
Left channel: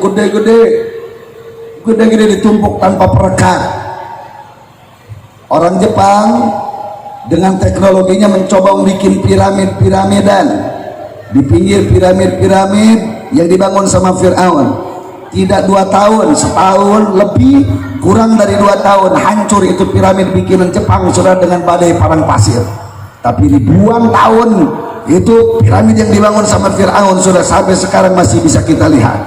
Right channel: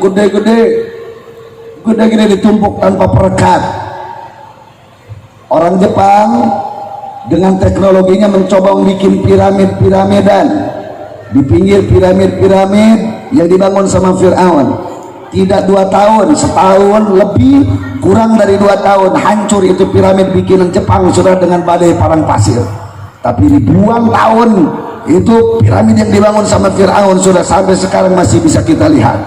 gede-gede ditumpuk tanpa perekat. Orang Jepang dengan teknologinya mencoba membuat piramid-piramidan di pinggir piramid-piramid yang dibangun sama Fir'aun. Tidak 2 tahun, setahun lebih, kurang dari 2 tahun hancur itu piramid bikinan Jepang, saudara, dengan badai padang pasir. Tapi ribuan tahun itu piramid yang dibangun sama Fir'aun, saudara, sampai sekarang masih bisa kita lihat.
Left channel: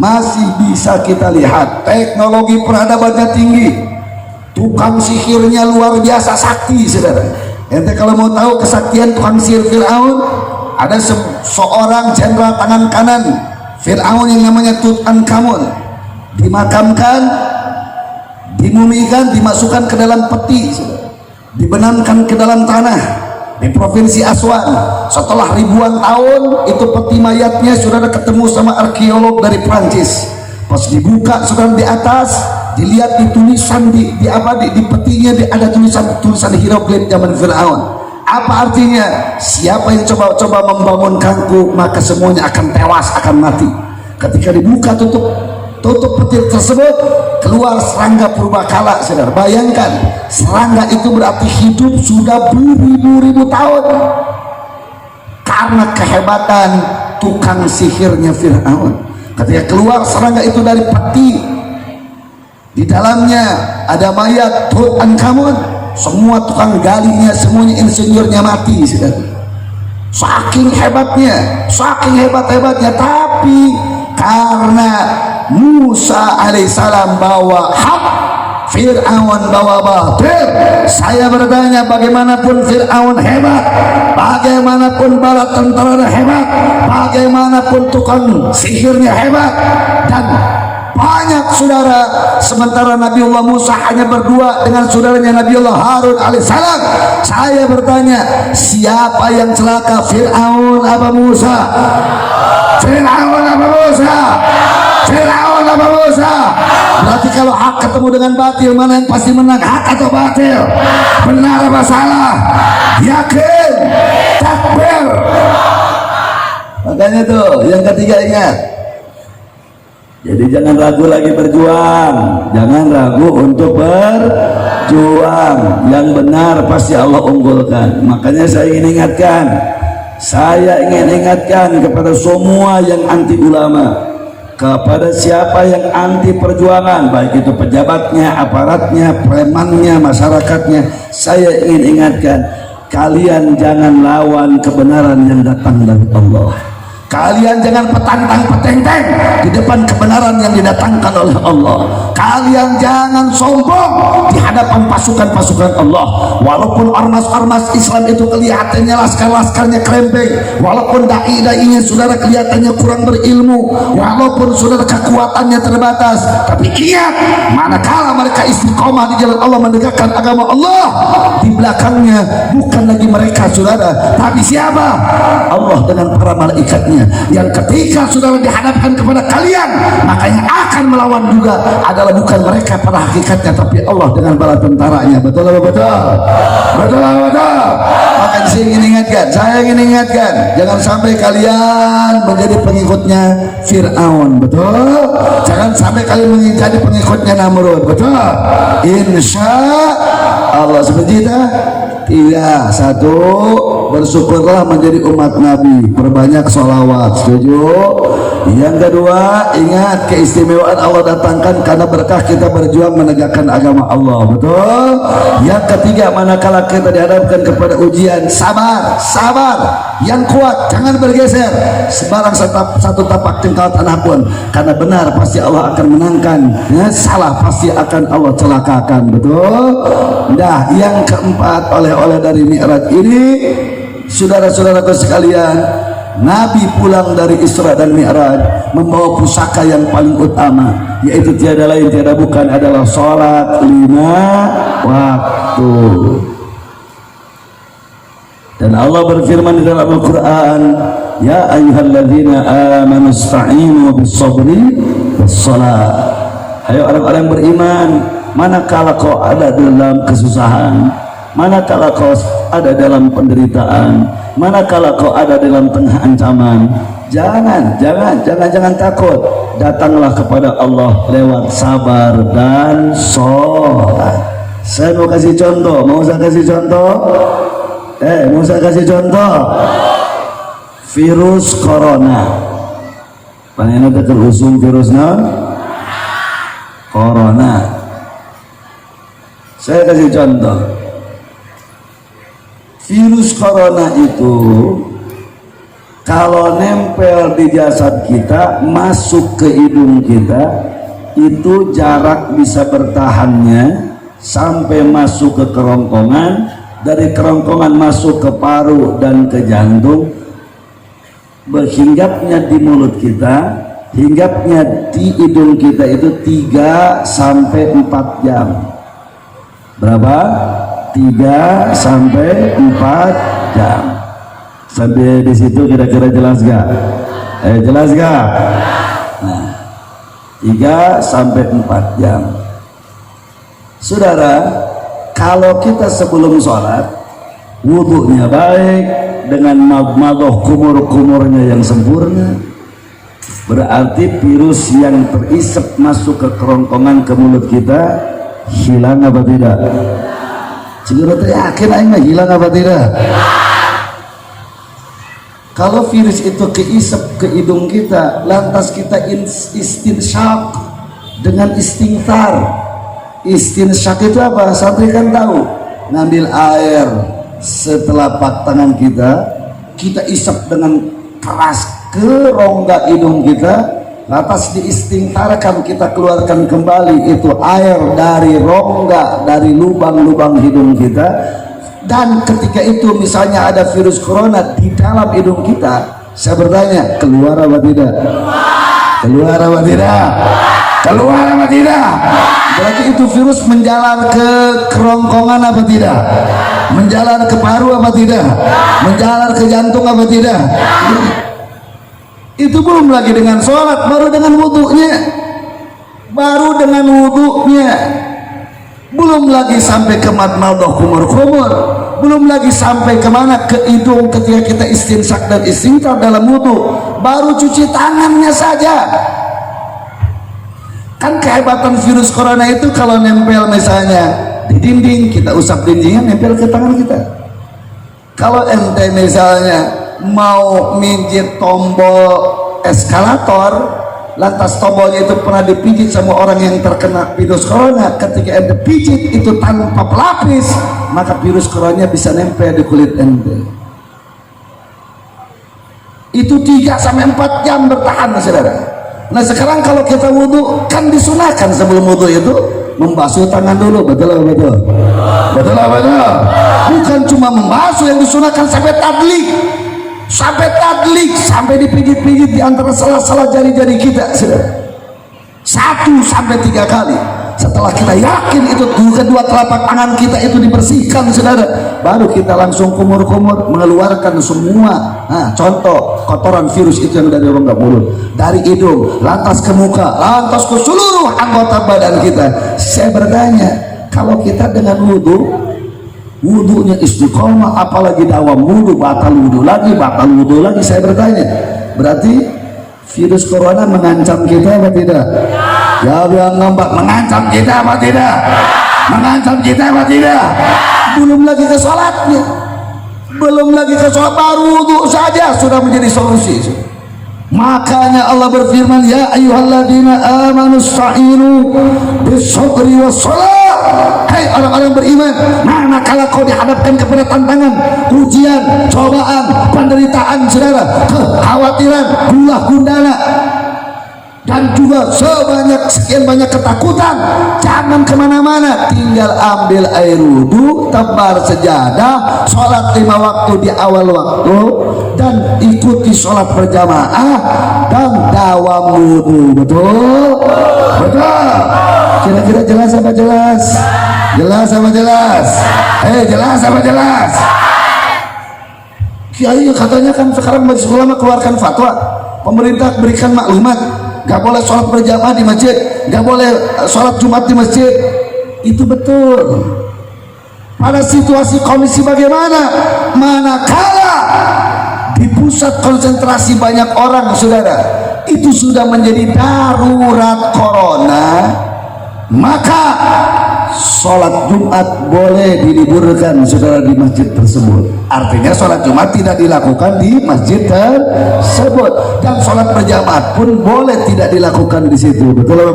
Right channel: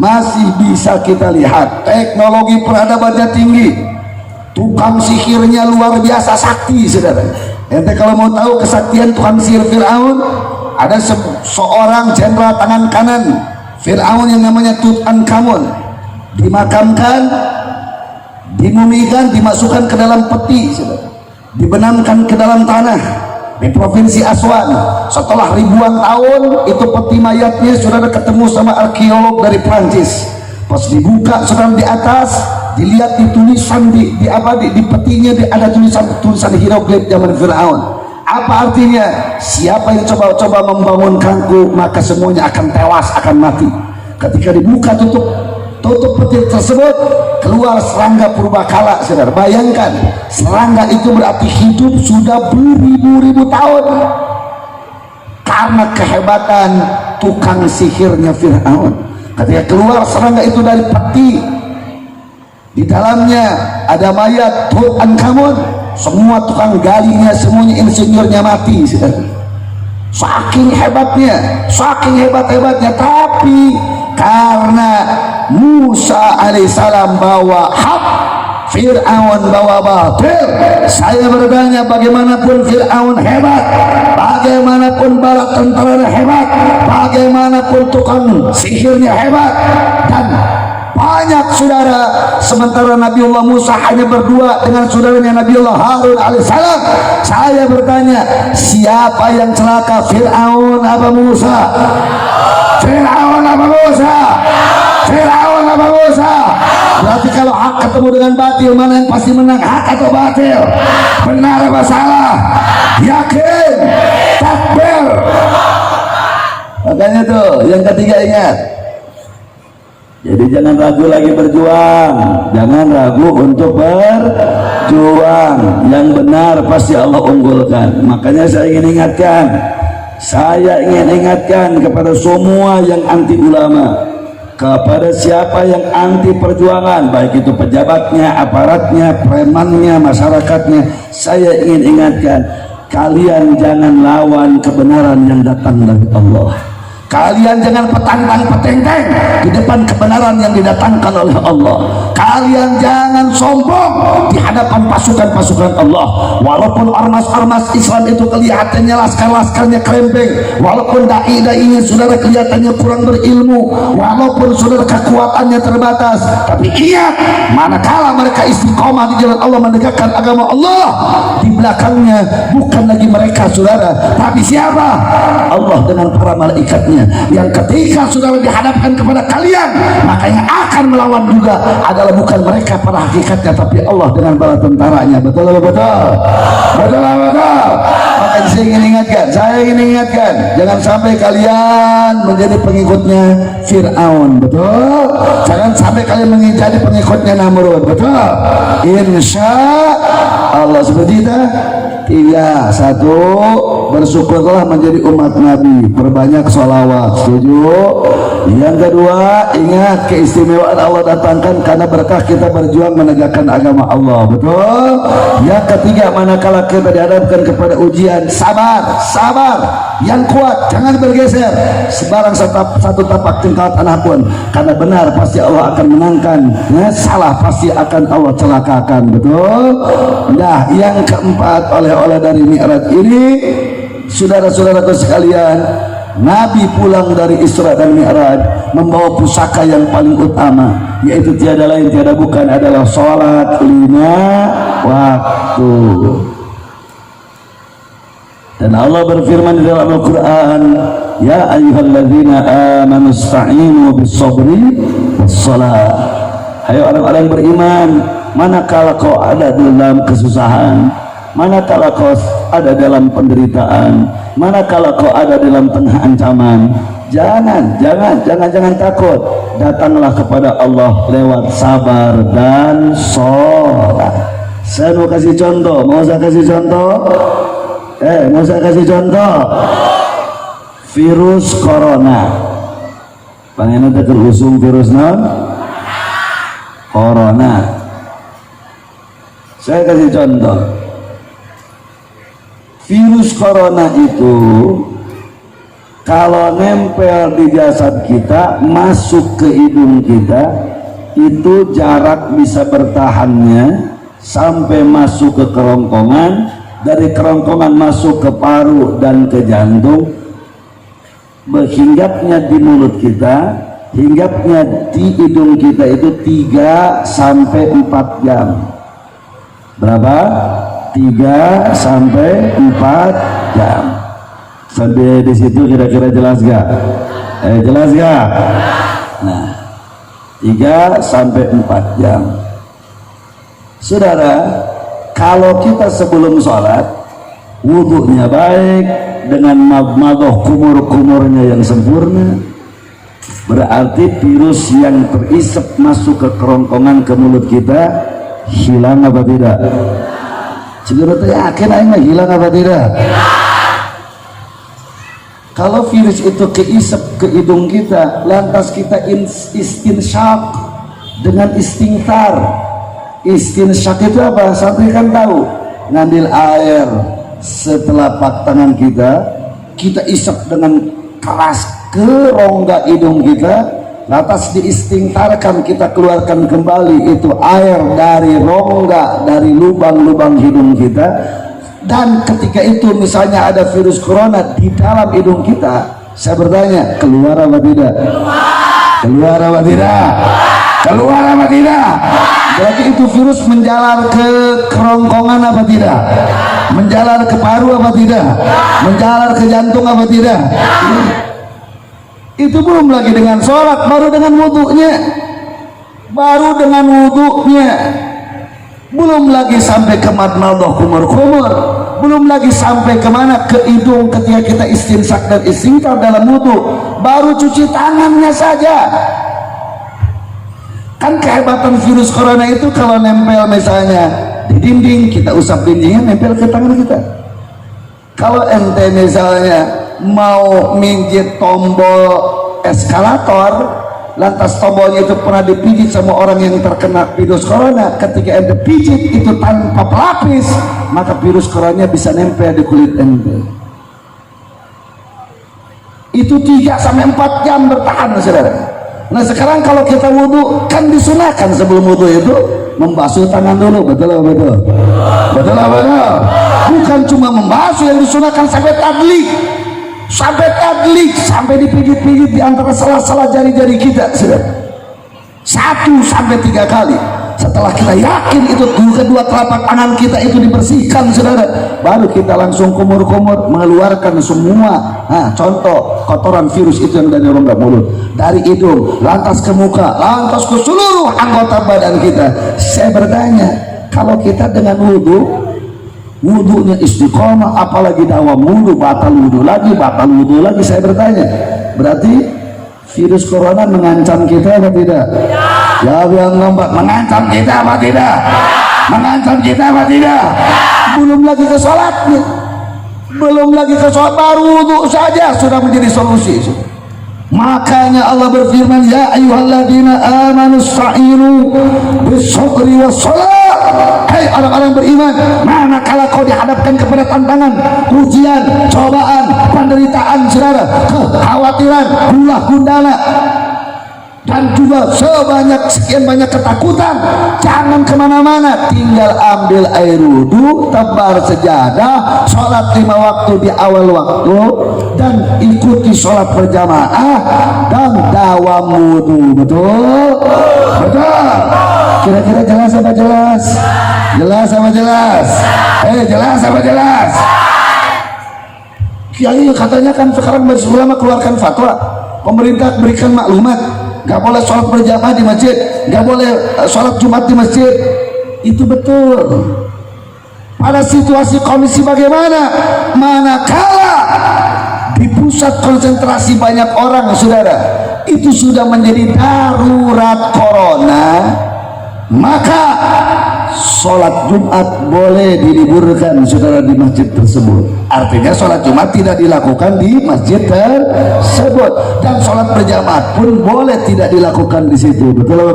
Masih bisa kita lihat. Teknologi peradabannya tinggi, tukang sihirnya luar biasa sakti, saudara. Ente kalau mau tahu kesaktian tukang sihir Fir'aun, ada seorang jenderal tangan kanan Fir'aun yang namanya Tutankhamun, dimakamkan, dimumikan, dimasukkan ke dalam peti, dibenamkan ke dalam tanah di provinsi Aswan. Setelah ribuan tahun itu peti mayatnya sudah ketemu sama arkeolog dari Prancis. Pas dibuka sudah di atas, dilihat di tulisan di petinya ada tulisan hieroglif zaman Fir'aun. Apa artinya? Siapa yang coba-coba membangunkanku, maka semuanya akan tewas, akan mati. Ketika dibuka tutup peti tersebut, keluar serangga purbakala, saudara. Bayangkan, serangga itu berarti hidup sudah beribu-ribu tahun. Karena kehebatan tukang sihirnya Fir'aun. Ketika keluar serangga itu dari peti, di dalamnya ada mayat Tutankhamun. Semua tukang galinya, semuanya insinyurnya mati, saudara. Saking hebatnya, tapi karena Musa alaihissalam bawa hak, Fir'aun bawa batil. Saya bertanya, bagaimanapun Fir'aun hebat, bagaimanapun bala tentara hebat, bagaimanapun tukang sihirnya hebat, dan banyak saudara, sementara Nabiullah Musa hanya berdua dengan saudaranya Nabiullah Harun alaihissalam. Saya bertanya, siapa yang celaka, Fir'aun apa Musa? Fir'aun apa Musa? Fir'aun apa Musa? Berarti kalau hak bertemu dengan batil, mana yang pasti menang, hak atau batil, benar apa salah, yakin, takbir. Makanya tuh yang ketiga ingat, jadi jangan ragu lagi berjuang, jangan ragu untuk berjuang. Yang benar pasti Allah unggulkan. Makanya saya ingin ingatkan kepada semua yang anti ulama, kepada siapa yang anti perjuangan, baik itu pejabatnya, aparatnya, premannya, masyarakatnya, saya ingin ingatkan, kalian jangan lawan kebenaran yang datang dari Allah. Kalian jangan petantang-petenteng di depan kebenaran yang didatangkan oleh Allah. Kalian jangan sombong di hadapan pasukan-pasukan Allah. Walaupun ormas-ormas Islam itu kelihatannya laskar-laskarnya krempeng, walaupun dai-dainya saudara kelihatannya kurang berilmu, walaupun saudara kekuatannya terbatas, tapi ingat, manakala mereka istiqomah di jalan Allah menegakkan agama Allah, di belakangnya bukan lagi mereka saudara, tapi siapa? Allah dengan para malaikatnya, yang ketika saudara dihadapkan kepada kalian, makanya akan melawan juga adalah bukan mereka pada hakikatnya, tapi Allah dengan bala tentaranya. Betul betul betul betul. Makanya saya ingin ingatkan, jangan sampai kalian menjadi pengikutnya Fir'aun. Betul. Jangan sampai kalian menjadi pengikutnya Namrud. Betul. Insya Allah seperti itu. Tiga, satu, bersyukurlah menjadi umat Nabi, perbanyak sholawat. Setuju? Yang kedua, ingat keistimewaan Allah datangkan karena berkah kita berjuang menegakkan agama Allah. Betul? Yang ketiga, manakala kita dihadapkan kepada ujian, sabar yang kuat, jangan bergeser sebarang satu tapak tingkal tanah pun, karena benar pasti Allah akan menangkan, salah pasti akan Allah celakakan. Betul? Nah, yang keempat, oleh dari Mi'raj ini, saudara-saudaraku sekalian, Nabi pulang dari Isra dan Mi'raj membawa pusaka yang paling utama, yaitu tiada lain tiada bukan adalah sholat 5 waktu. Dan Allah berfirman di dalam Al-Quran, ya ayyuhalladzina amanu ista'inu bis-sabri was-salat. Hai orang-orang beriman, manakala kau ada dalam kesusahan, manakala kau ada dalam penderitaan, manakala kau ada dalam tengah ancaman, jangan takut, datanglah kepada Allah lewat sabar dan sholat. Saya mau kasih contoh, mau saya kasih contoh virus corona. Panina betul usung virusnya corona. Saya kasih contoh, virus corona itu kalau nempel di jasad kita, masuk ke hidung kita, itu jarak bisa bertahannya sampai masuk ke kerongkongan, dari kerongkongan masuk ke paru dan ke jantung, berhinggapnya di mulut kita, hinggapnya di hidung kita itu 3 sampai 4 jam. Berapa? 3 sampai 4 jam. Sampai di situ kira-kira jelas gak? Jelas gak? Nah, 3 sampai 4 jam. Saudara, kalau kita sebelum sholat wudhunya baik dengan madmadah kumur-kumurnya yang sempurna, berarti virus yang terisap masuk ke kerongkongan ke mulut kita hilang apa tidak? Sebenarnya yakin aing hilang apa tidak? Kalau virus itu keisap ke hidung kita, lantas kita istinsyaq dengan istighfar. Istinsyaq itu apa? Santri kan tahu, ngambil air setelapak tangan kita isap dengan keras ke rongga hidung kita, lantas diistingfarkan, kita keluarkan kembali itu air dari rongga, dari lubang-lubang hidung kita. Dan ketika itu misalnya ada virus corona di dalam hidung kita, saya bertanya, keluar apa tidak? Keluar apa tidak? Keluar apa tidak? Berarti itu virus menjalar ke kerongkongan apa tidak? Menjalar ke paru apa tidak? Menjalar ke jantung apa tidak? Itu belum lagi dengan sholat, baru dengan wudhunya. baru dengan wudhunya, belum lagi sampai ke madmadah kumur-kumur, belum lagi sampai kemana, ke hidung ketika kita istinsak dan istinqar dalam wudhu, baru cuci tangannya saja. Kan kehebatan virus corona itu kalau nempel misalnya di dinding, kita usap dindingnya, nempel ke tangan kita. Kalau ente misalnya mau minjit tombol eskalator, lantas tombolnya itu pernah dipijit sama orang yang terkena virus corona, ketika ente pijit itu tanpa pelapis, maka virus corona bisa nempel di kulit ente. Itu 3-4 jam bertahan, saudara. Nah sekarang kalau kita wudhu, kan disunahkan sebelum wudhu itu membasuh tangan dulu, betul. Bukan cuma membasuh, yang disunahkan sampai tadlik, sampai dipijit-pijit di antara sela-sela jari-jari kita, saudara. 1-3 kali. Setelah kita yakin itu kedua telapak tangan kita itu dibersihkan, saudara, baru kita langsung kumur-kumur mengeluarkan semua. Nah, contoh kotoran virus itu yang dari rongga mulut, dari hidung, lantas ke muka, lantas ke seluruh anggota badan kita. Saya bertanya, kalau kita dengan wudhunya istiqomah, apalagi dawam wudhu, batal wudhu lagi, saya bertanya, berarti virus corona mengancam kita apa tidak? Jawab yang lompat, mengancam kita apa tidak? Mengancam kita apa tidak? Belum lagi ke sholatnya, baru wudhu saja sudah menjadi solusi. Makanya Allah berfirman, ya ayyuhalladzina amanu sta'inu bis-sabri was-shalah. Hai orang-orang beriman, manakala kau dihadapkan kepada tantangan, ujian, cobaan, penderitaan, saudara, kekhawatiran, gundah gundala, dan juga sekian banyak ketakutan, jangan kemana-mana, tinggal ambil air wudhu, tebar sejadah, sholat 5 waktu di awal waktu, dan ikuti sholat berjamaah dan dawam wudhu. Betul? Kira-kira jelas apa jelas? Jelas apa jelas? Jelas apa jelas? Kiai katanya kan sekarang majelis ulama keluarkan fatwa, pemerintah berikan maklumat, gak boleh sholat berjamaah di masjid, gak boleh sholat Jumat di masjid. Itu betul. Pada situasi kondisi bagaimana? Manakala di pusat konsentrasi banyak orang, saudara, itu sudah menjadi darurat corona, maka sholat Jumat boleh diliburkan, saudara, di masjid tersebut. Artinya sholat Jumat tidak dilakukan di masjid tersebut, dan sholat berjamaah pun boleh tidak dilakukan di situ. Betul?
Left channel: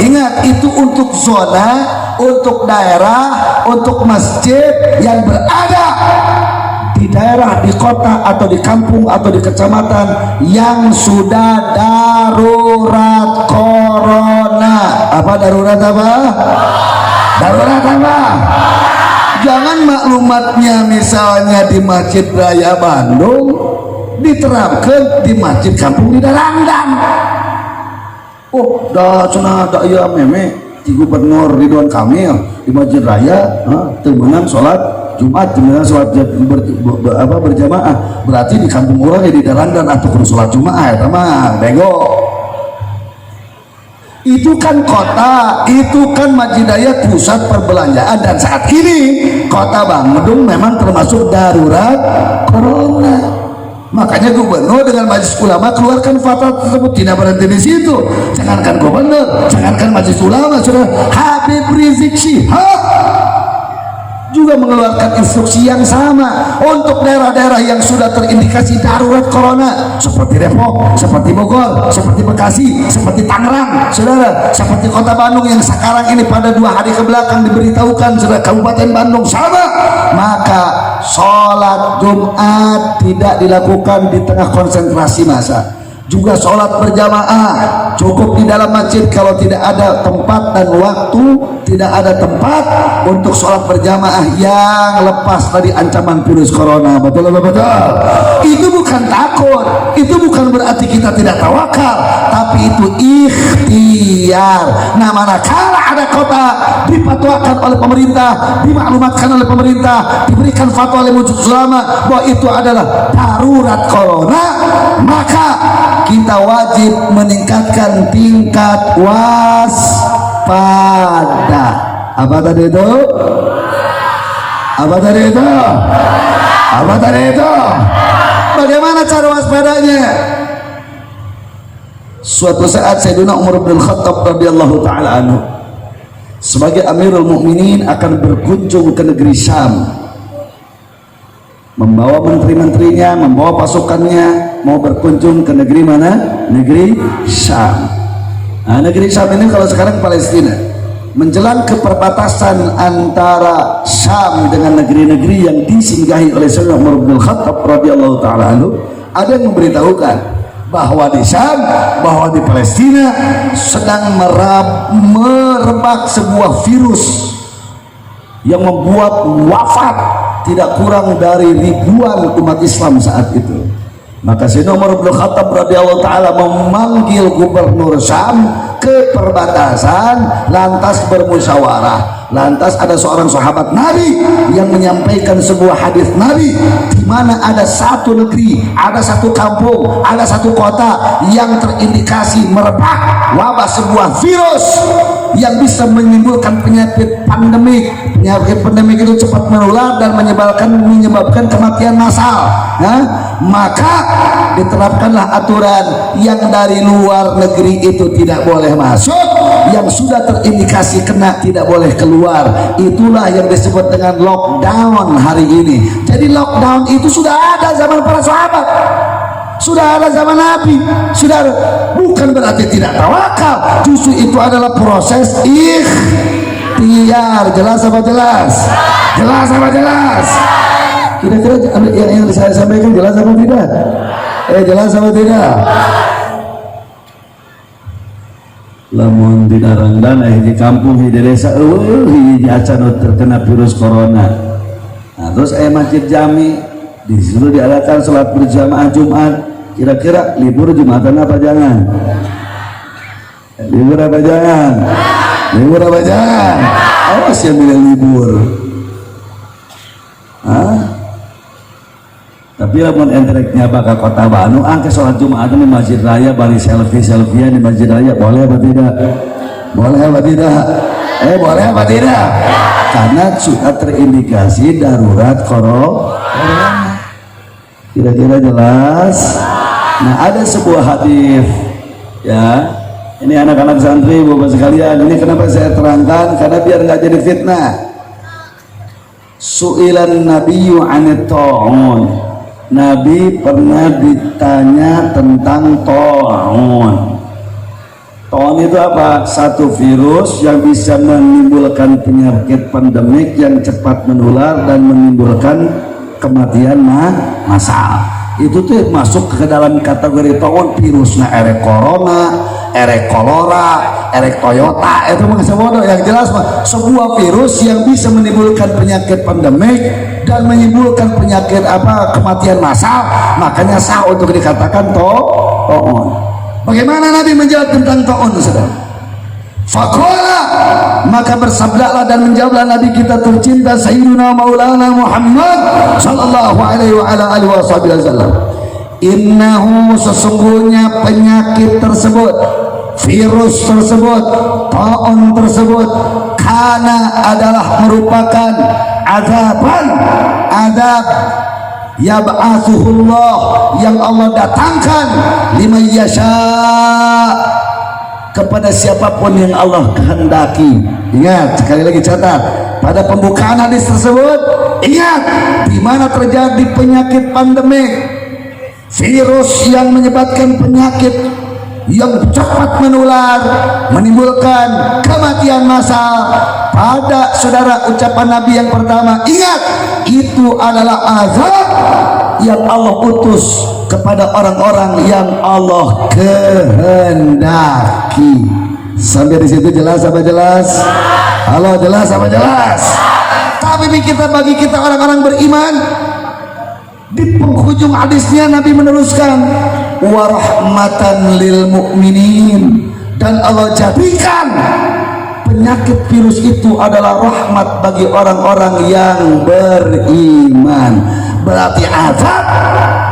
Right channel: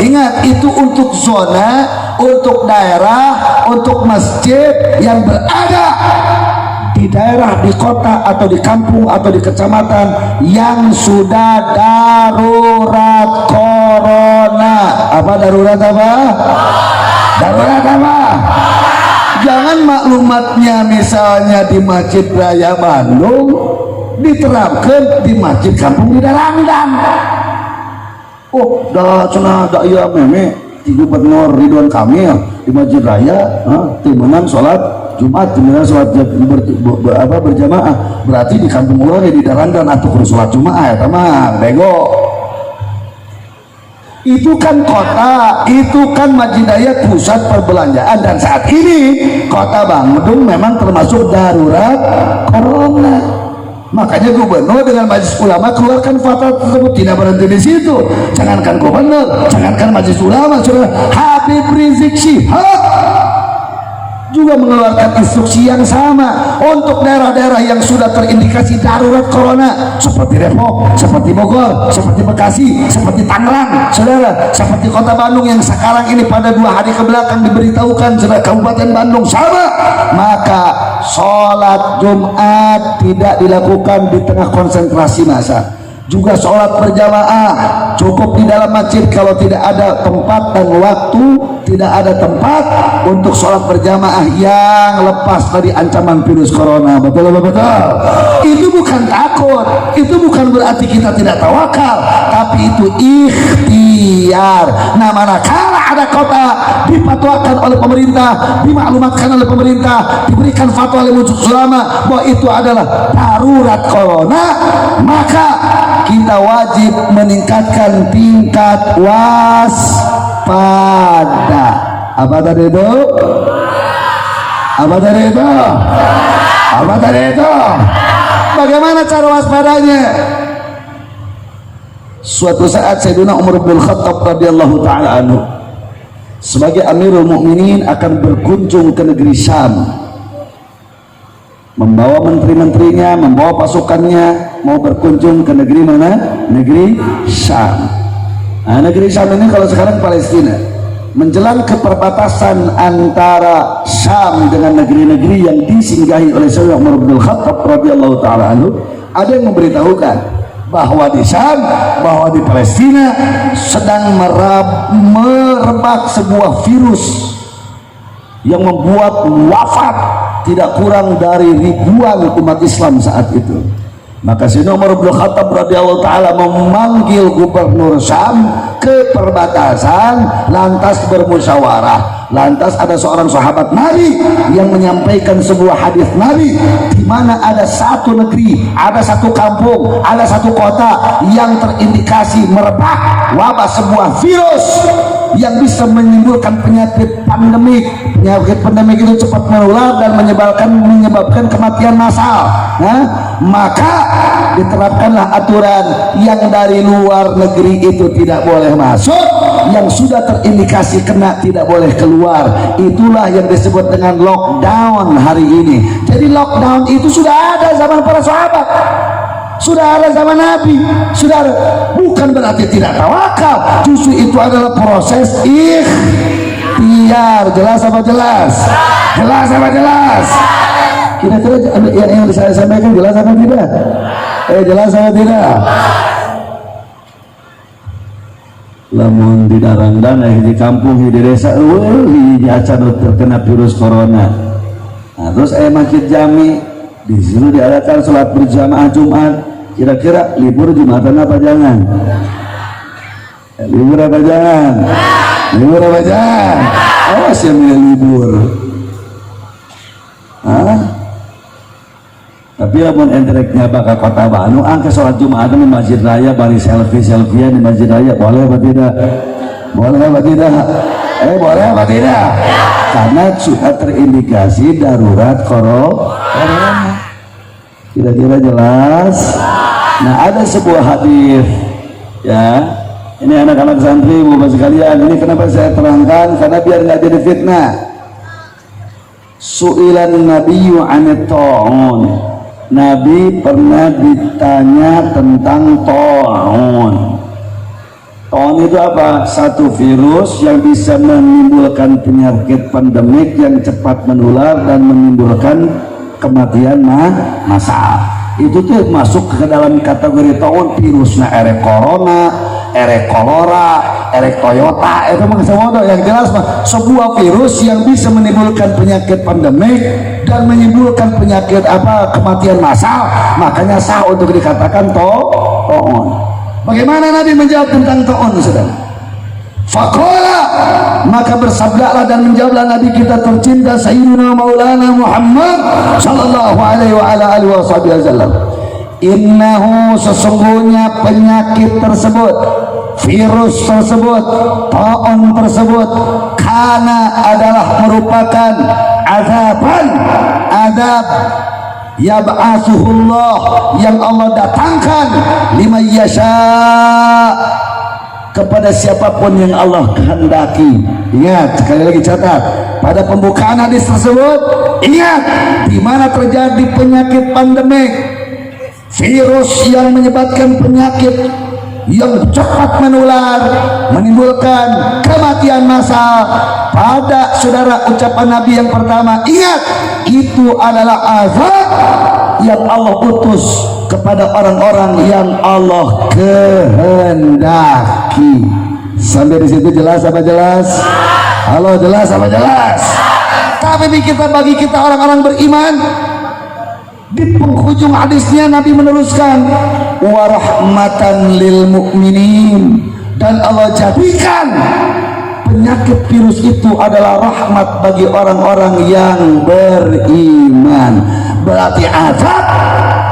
Ingat, itu untuk zona, untuk daerah, untuk masjid yang berada di daerah, di kota atau di kampung atau di kecamatan yang sudah darurat corona. Apa darurat apa? Darurat apa? Jangan maklumatnya misalnya di Masjid Raya Bandung diterapkan di masjid kampung di Darangdan. Oh, dah cenah da ieu meme di Gubernur Ridwan Kamil di Masjid Raya, temenan sholat Jumat, temenan sholat berjamaah. Berarti di kampung urang di Darangdan atuh sholat Jumat, teman bego. Itu kan kota, itu kan Masjid Raya pusat perbelanjaan, dan saat ini kota Bandung memang termasuk darurat corona. Makanya gubernur dengan majelis ulama keluarkan fatwa tersebut, tidak berhenti di situ. Jangankan gubernur, jangankan majelis ulama, saudara, Habib Rizik Syihab juga mengeluarkan instruksi yang sama untuk daerah-daerah yang sudah terindikasi darurat corona, seperti Depok, seperti Bogor, seperti Bekasi, seperti Tangerang, saudara, seperti kota Bandung yang sekarang ini pada 2 hari kebelakang diberitahukan, saudara, Kabupaten Bandung sama. Maka sholat Jumat tidak dilakukan di tengah konsentrasi massa. Juga sholat berjamaah cukup di dalam masjid kalau tidak ada tempat dan waktu, tidak ada tempat untuk sholat berjamaah yang lepas dari ancaman virus corona. Betul? Itu bukan takut, itu bukan berarti kita tidak tawakal, tapi itu ikhtiar. Nah, manakala ada kota dipatwakan oleh pemerintah, dimaklumatkan oleh pemerintah, diberikan fatwa oleh majelis ulama bahwa itu adalah darurat corona, maka kita kita wajib meningkatkan tingkat waspada. Apa tadi itu? Apa tadi itu? Apa tadi itu? Bagaimana cara waspadanya? Suatu saat Sayyidina Umar bin Khattab radhiyallahu taala anhu sebagai Amirul Mukminin akan berkunjung ke negeri Syam, membawa menteri-menterinya, membawa pasukannya, mau berkunjung ke negeri mana? Negeri Syam. Nah, negeri Syam ini kalau sekarang Palestina, menjelang ke perbatasan antara Syam dengan negeri-negeri yang disinggahi oleh Sayyidina Umar bin Khattab radhiyallahu taala anhu, ada yang memberitahukan bahwa di Syam, bahwa di Palestina sedang merebak sebuah virus yang membuat wafat tidak kurang dari ribuan umat Islam saat itu. Maka Sayyidina Umar bin Khattab radhiyallahu taala memanggil gubernur Syam ke perbatasan, lantas bermusyawarah. Lantas ada seorang sahabat Nabi yang menyampaikan sebuah hadis Nabi, di mana ada satu negeri, ada satu kampung, ada satu kota yang terindikasi merebak wabah sebuah virus yang bisa menimbulkan penyakit pandemik. Penyakit pandemik itu cepat menular dan menyebabkan kematian massal. Nah, maka diterapkanlah aturan yang dari luar negeri itu tidak boleh masuk, yang sudah terindikasi kena tidak boleh keluar. Itulah yang disebut dengan lockdown hari ini. Jadi lockdown itu sudah ada zaman para sahabat, sudah ada zaman Nabi, sudah ada. Bukan berarti tidak tawakal, justru itu adalah proses ikhtiar. Jelas apa jelas? Jelas apa jelas? Kira-kira yang saya sampaikan jelas apa tidak? Jelas apa tidak? Lamun di Narandana di kampung di desa di acan terkena virus corona. Nah, terus masjid jami di situ diadakan sholat berjamaah Jumat. Kira-kira libur Jumatan apa jangan? Libur apa jangan? Libur apa jangan? Awas yang bilang libur. Hah? Tapi lamun entreknya bakal kota Bandung, angka sholat Jumat di masjid raya, bari selfie-selfiean di masjid raya, boleh apa tidak? Boleh apa tidak? Boleh apa tidak? Karena sudah terindikasi darurat corona. Kira-kira jelas? Nah, ada sebuah hadis, ya. Ini anak-anak santri, bapak sekalian, ini kenapa saya terangkan? Karena biar nggak jadi fitnah. Su'ilan nabiyyu 'anit ta'un. Nabi pernah ditanya tentang ta'un. Ta'un itu apa? Satu virus yang bisa menimbulkan penyakit pandemik yang cepat menular dan menimbulkan kematian massal. Itu tuh masuk ke dalam kategori ta'un. Virusnya erek corona, erek kolera, erek toyota, itu mengesawodo. Yang jelas sebuah virus yang bisa menimbulkan penyakit pandemik dan menimbulkan penyakit kematian massal, makanya sah untuk dikatakan ta'un. Bagaimana Nabi menjawab tentang ta'un, saudara? Faqala, maka bersabdalah dan menjawablah Nabi kita tercinta Sayyidina Maulana Muhammad sallallahu alaihi wa ala alihi wasallam, innahu, sesungguhnya penyakit tersebut, virus tersebut, ta'un tersebut, karena adalah merupakan azab yab'atsuhullah, yang Allah datangkan liman yasha, kepada siapapun yang Allah kehendaki. Ingat, sekali lagi catat, pada pembukaan hadis tersebut, ingat, di mana terjadi penyakit pandemik, virus yang menyebabkan penyakit yang cepat menular, menimbulkan kematian massal. Pada saudara ucapan Nabi yang pertama, ingat, itu adalah azab yang Allah utus kepada orang-orang yang Allah kehendaki. Sampai di situ jelas apa jelas? Halo, jelas apa jelas? Tapi bagi kita orang-orang beriman, di penghujung hadisnya Nabi meneruskan, wa rahmatan lil mu'minin, dan Allah jadikan penyakit virus itu adalah rahmat bagi orang-orang yang beriman. Berarti azab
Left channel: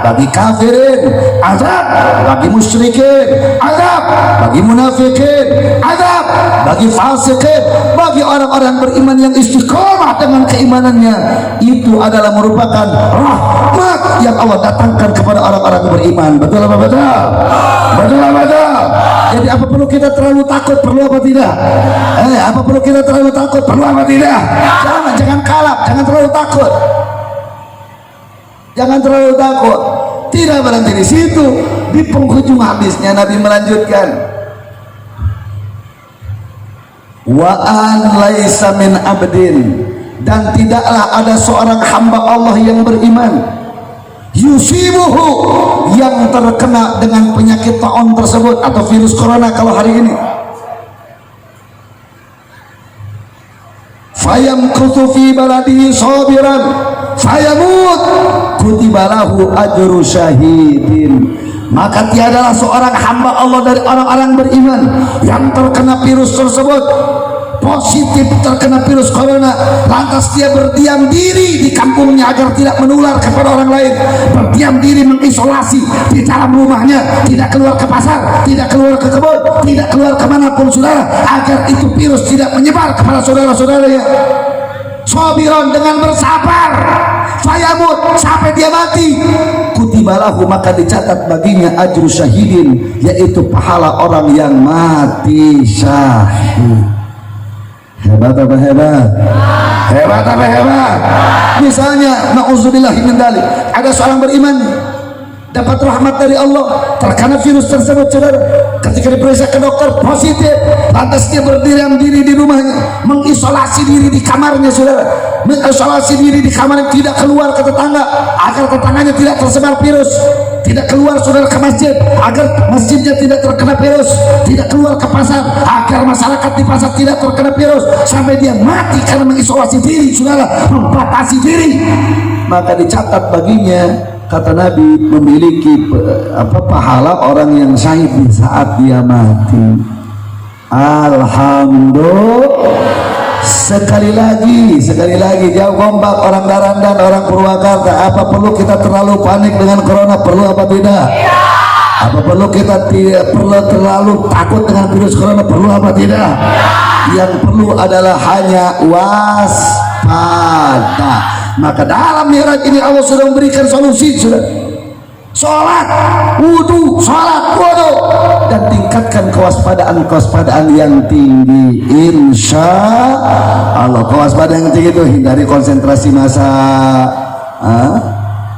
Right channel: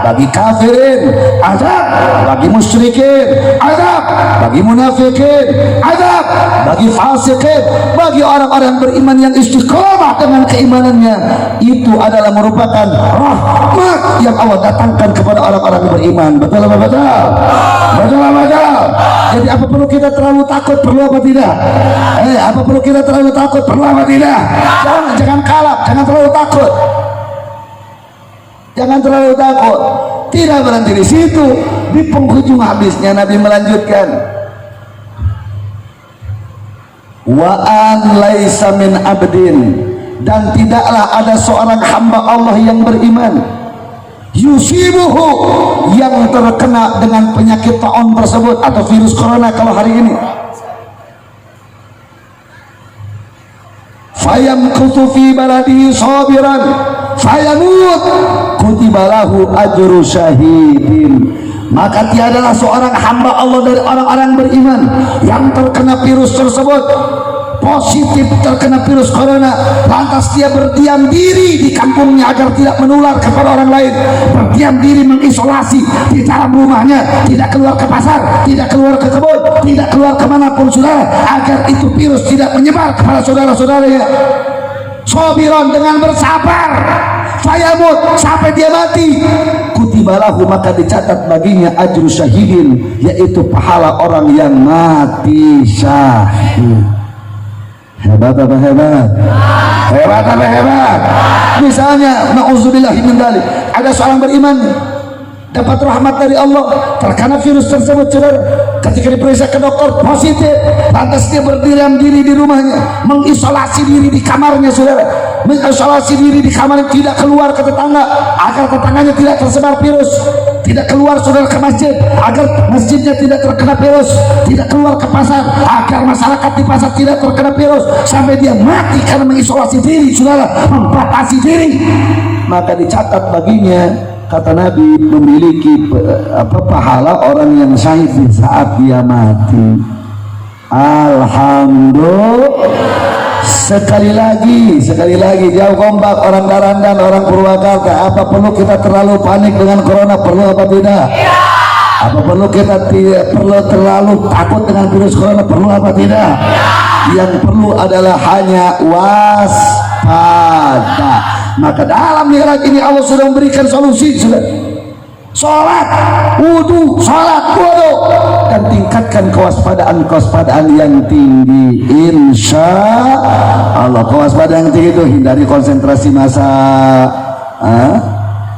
bagi kafirin, azab bagi musyrikin, azab bagi munafikin, azab bagi fasikin, bagi orang-orang beriman yang istiqomah dengan keimanannya. Itu adalah merupakan rahmat yang Allah datangkan kepada orang-orang beriman. Betul apa betul? Betul apa betul? Jadi apa perlu kita terlalu takut? Perlu apa tidak? Apa perlu kita terlalu takut? Perlu apa tidak? Jangan kalah, jangan terlalu takut. Jangan terlalu takut. Tidak berhenti di situ. Di penghujung habisnya Nabi melanjutkan, wa an laisa min abdin, dan tidaklah ada seorang hamba Allah yang beriman, yusibuhu, yang terkena dengan penyakit taun tersebut atau virus corona kalau hari ini, fayamkuthu fi baladihi sabiran fayamut kutibalahu ajru syahidin, maka tiadalah seorang hamba Allah dari orang-orang beriman yang terkena virus tersebut, positif terkena virus corona, lantas dia berdiam diri di kampungnya agar tidak menular kepada orang lain, berdiam diri mengisolasi di dalam rumahnya, tidak keluar ke pasar, tidak keluar ke kebun, tidak keluar kemanapun saudara, agar itu virus tidak menyebar kepada saudara-saudaranya. Sabiran, dengan bersabar, fayamut, sampai dia mati, kutibalahu, maka dicatat baginya ajru syahidin, yaitu pahala orang yang mati syahid. Hebat apa hebat? Hebat apa hebat? Misalnya, na'udzubillahi min dzalik, ada seorang beriman dapat rahmat dari Allah, terkena virus tersebut saudara, ketika diperiksa ke dokter positif, lantas dia berdiam diri di rumahnya, mengisolasi diri di kamarnya saudara, mengisolasi diri di kamar, tidak keluar ke tetangga agar tetangganya tidak tersebar virus, tidak keluar saudara ke masjid agar masjidnya tidak terkena virus, tidak keluar ke pasar agar masyarakat di pasar tidak terkena virus, sampai dia mati karena mengisolasi diri saudara, membatasi diri, maka dicatat baginya, kata Nabi, memiliki pahala orang yang syahid di saat dia mati. Alhamdulillah. Sekali lagi jauh kompak orang Darandan, orang Purwakarta, apa perlu kita terlalu panik dengan corona? Perlu apa tidak? Apa perlu kita tidak perlu terlalu takut dengan virus corona? Perlu apa tidak? Yang perlu adalah hanya waspada. Maka dalam mi'raj ini Allah sudah memberikan solusi, sudah. Salat, wudu, dan tingkatkan kewaspadaan yang tinggi. Insya Allah kewaspadaan yang tinggi itu hindari konsentrasi massa.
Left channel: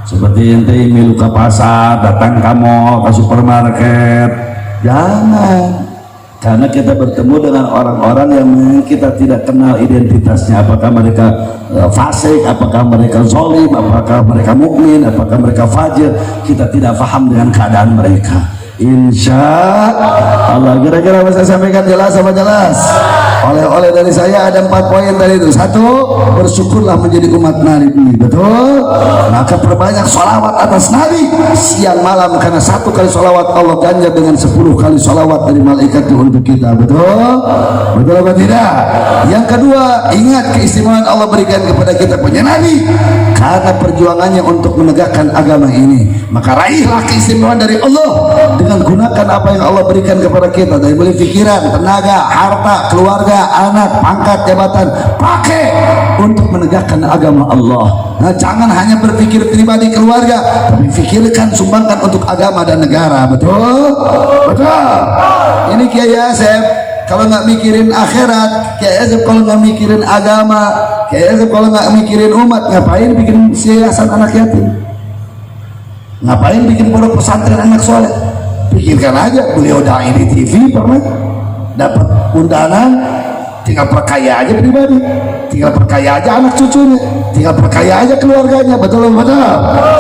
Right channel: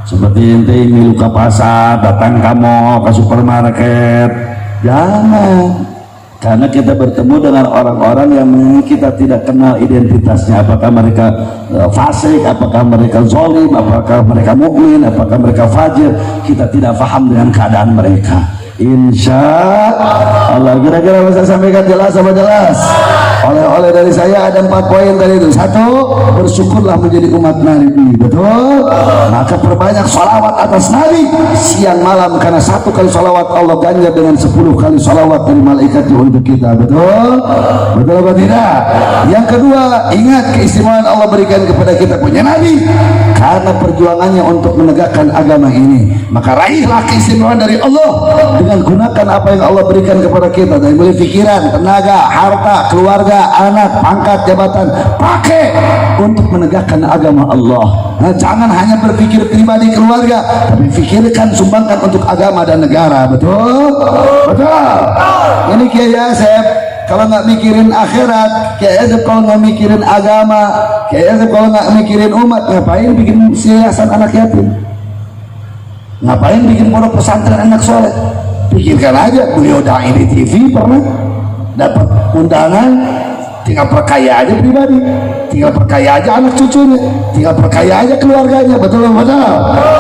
Seperti ente ingin ke pasar, datang kamu ke supermarket, jangan. Karena kita bertemu dengan orang-orang yang kita tidak kenal identitasnya, apakah mereka fasik, apakah mereka zalim, apakah mereka mukmin, apakah mereka fajir, kita tidak paham dengan keadaan mereka. Insya Allah, kira-kira bisa sampaikan jelas apa jelas? Oleh dari saya ada 4 poin dari itu. 1, bersyukurlah menjadi umat Nabi, betul? Maka perbanyak salawat atas Nabi siang malam, karena 1 kali salawat Allah ganjar dengan 10 kali salawat dari malaikat itu untuk kita, betul? Betul apa tidak? Yang kedua, ingat keistimewaan Allah berikan kepada kita punya Nabi karena perjuangannya untuk menegakkan agama ini. Maka raihlah keistimewaan dari Allah dengan gunakan apa yang Allah berikan kepada kita, dari mulai pikiran, tenaga, harta, keluarga, anak, pangkat, jabatan, pakai untuk menegakkan agama Allah. Nah, jangan hanya berpikir pribadi keluarga, tapi pikirkan, sumbangkan untuk agama dan negara. Betul? Betul. Ini Kiai Asep kalau nggak mikirin akhirat, Kiai Asep kalau nggak mikirin agama, Kiai Asep kalau nggak mikirin umat, ngapain bikin yayasan anak yatim? Ngapain bikin pondok pesantren anak soleh? Pikirkan aja, beliau dai di TV pernah dapat undangan, tinggal perkaya aja pribadi, tinggal perkaya aja anak cucunya, tinggal perkaya aja keluarganya, betul?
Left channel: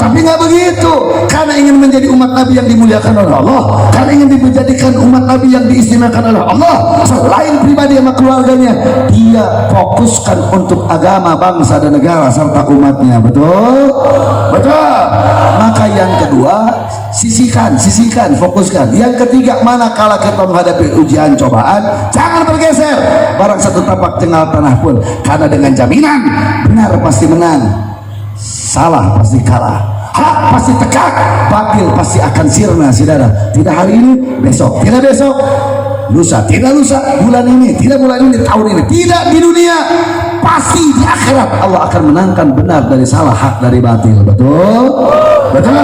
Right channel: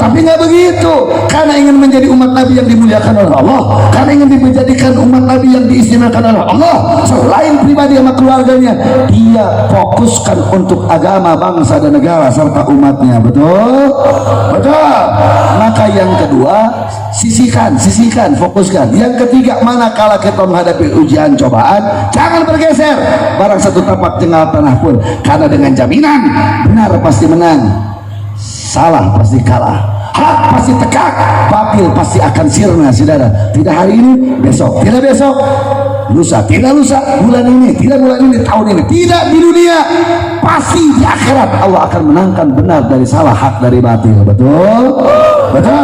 Tapi nggak begitu, karena ingin menjadi umat Nabi yang dimuliakan oleh Allah, karena ingin dijadikan umat Nabi yang diistimewakan oleh Allah, selain pribadi sama keluarganya, dia fokuskan untuk agama, bangsa dan negara serta umatnya, betul? Maka yang kedua, sisihkan, fokuskan. Yang ketiga, manakala kita menghadapi ujian cobaan, jangan bergeser barang satu tapak jengkal tanah pun, karena dengan jaminan benar pasti menang, salah pasti kalah. hak pasti tegak, batil pasti akan sirna, saudara. Tidak hari ini, besok, tidak besok, lusa, tidak lusa, bulan ini, tidak bulan ini, tahun ini, tidak di dunia, pasti di akhirat Allah akan menangkan benar dari salah, hak dari batil. Betul? Betul.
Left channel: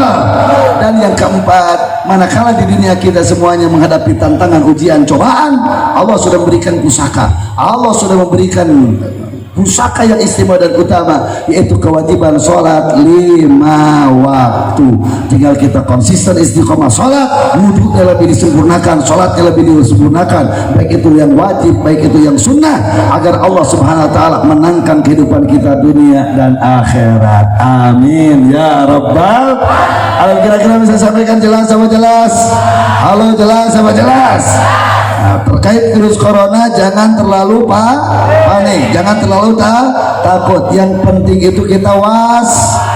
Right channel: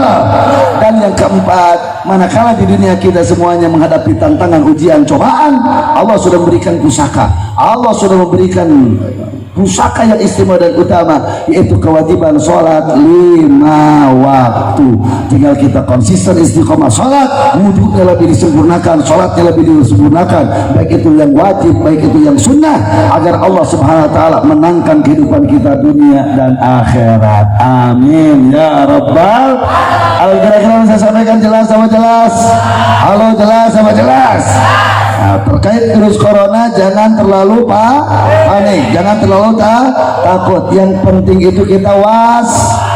Dan yang keempat, manakala di dunia kita semuanya menghadapi tantangan, ujian, cobaan, Allah sudah memberikan pusaka, Allah sudah memberikan pusaka yang istimewa dan utama, yaitu kewajiban sholat 5 waktu. Tinggal kita konsisten istiqomah sholat, wudhunya lebih disempurnakan, sholatnya lebih disempurnakan, baik itu yang wajib, baik itu yang sunnah, agar Allah subhanahu wa ta'ala menangkan kehidupan kita dunia dan akhirat. Amin ya rabbal alamin. Kira-kira bisa sampaikan jelas sama jelas? Halo, jelas sama jelas? Nah, terkait virus corona jangan terlalu panik, jangan terlalu takut. Yang penting itu kita waspada.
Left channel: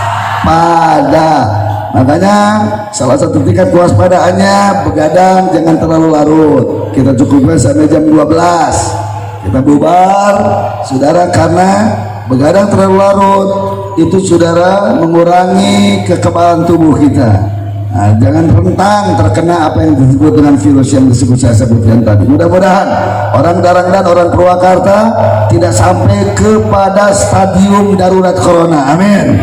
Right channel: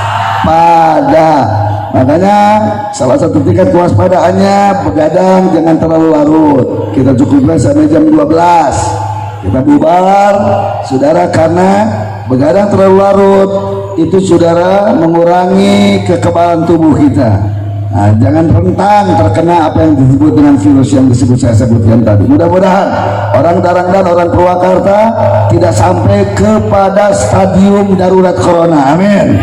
Makanya salah satu tingkat kewaspadaannya begadang jangan terlalu larut. Kita cukupkan sampai jam 12. Kita bubar, saudara, karena begadang terlalu larut itu, saudara, mengurangi kekebalan tubuh kita. Nah, jangan rentan terkena apa yang disebut dengan virus yang saya sebutkan tadi. Mudah-mudahan orang Darangdan, orang Purwakarta tidak sampai kepada stadium darurat corona. Amin.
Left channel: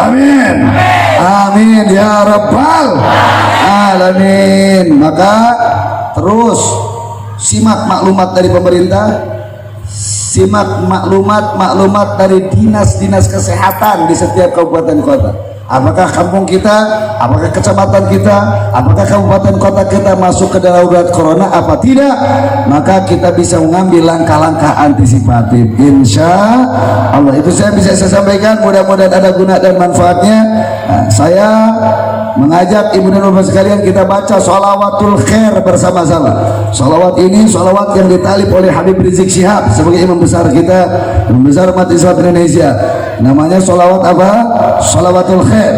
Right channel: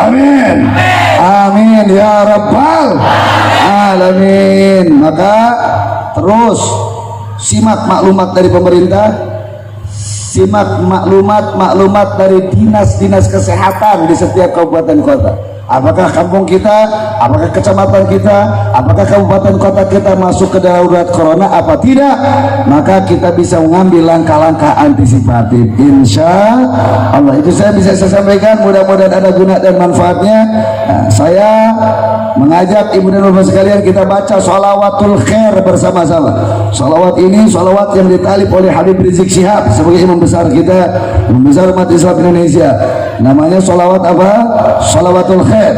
Amin. Amin ya rabbal alamin. Maka terus simak maklumat dari pemerintah, simak maklumat dari dinas-dinas kesehatan di setiap kabupaten kota. Apakah kampung kita, apakah kecamatan kita, apakah kabupaten kota kita masuk ke darurat corona apa tidak? Maka kita bisa mengambil langkah-langkah antisipatif, insya Allah. Itu saya bisa sampaikan, mudah-mudahan ada guna dan manfaatnya. Nah, saya mengajak ibu dan bapak sekalian, kita baca sholawatul khair bersama-sama. Sholawat ini sholawat yang ditalib oleh Habib Rizik Syihab sebagai imam besar kita, imam besar umat Islam Indonesia. Namanya sholawat apa? Sholawatul khair.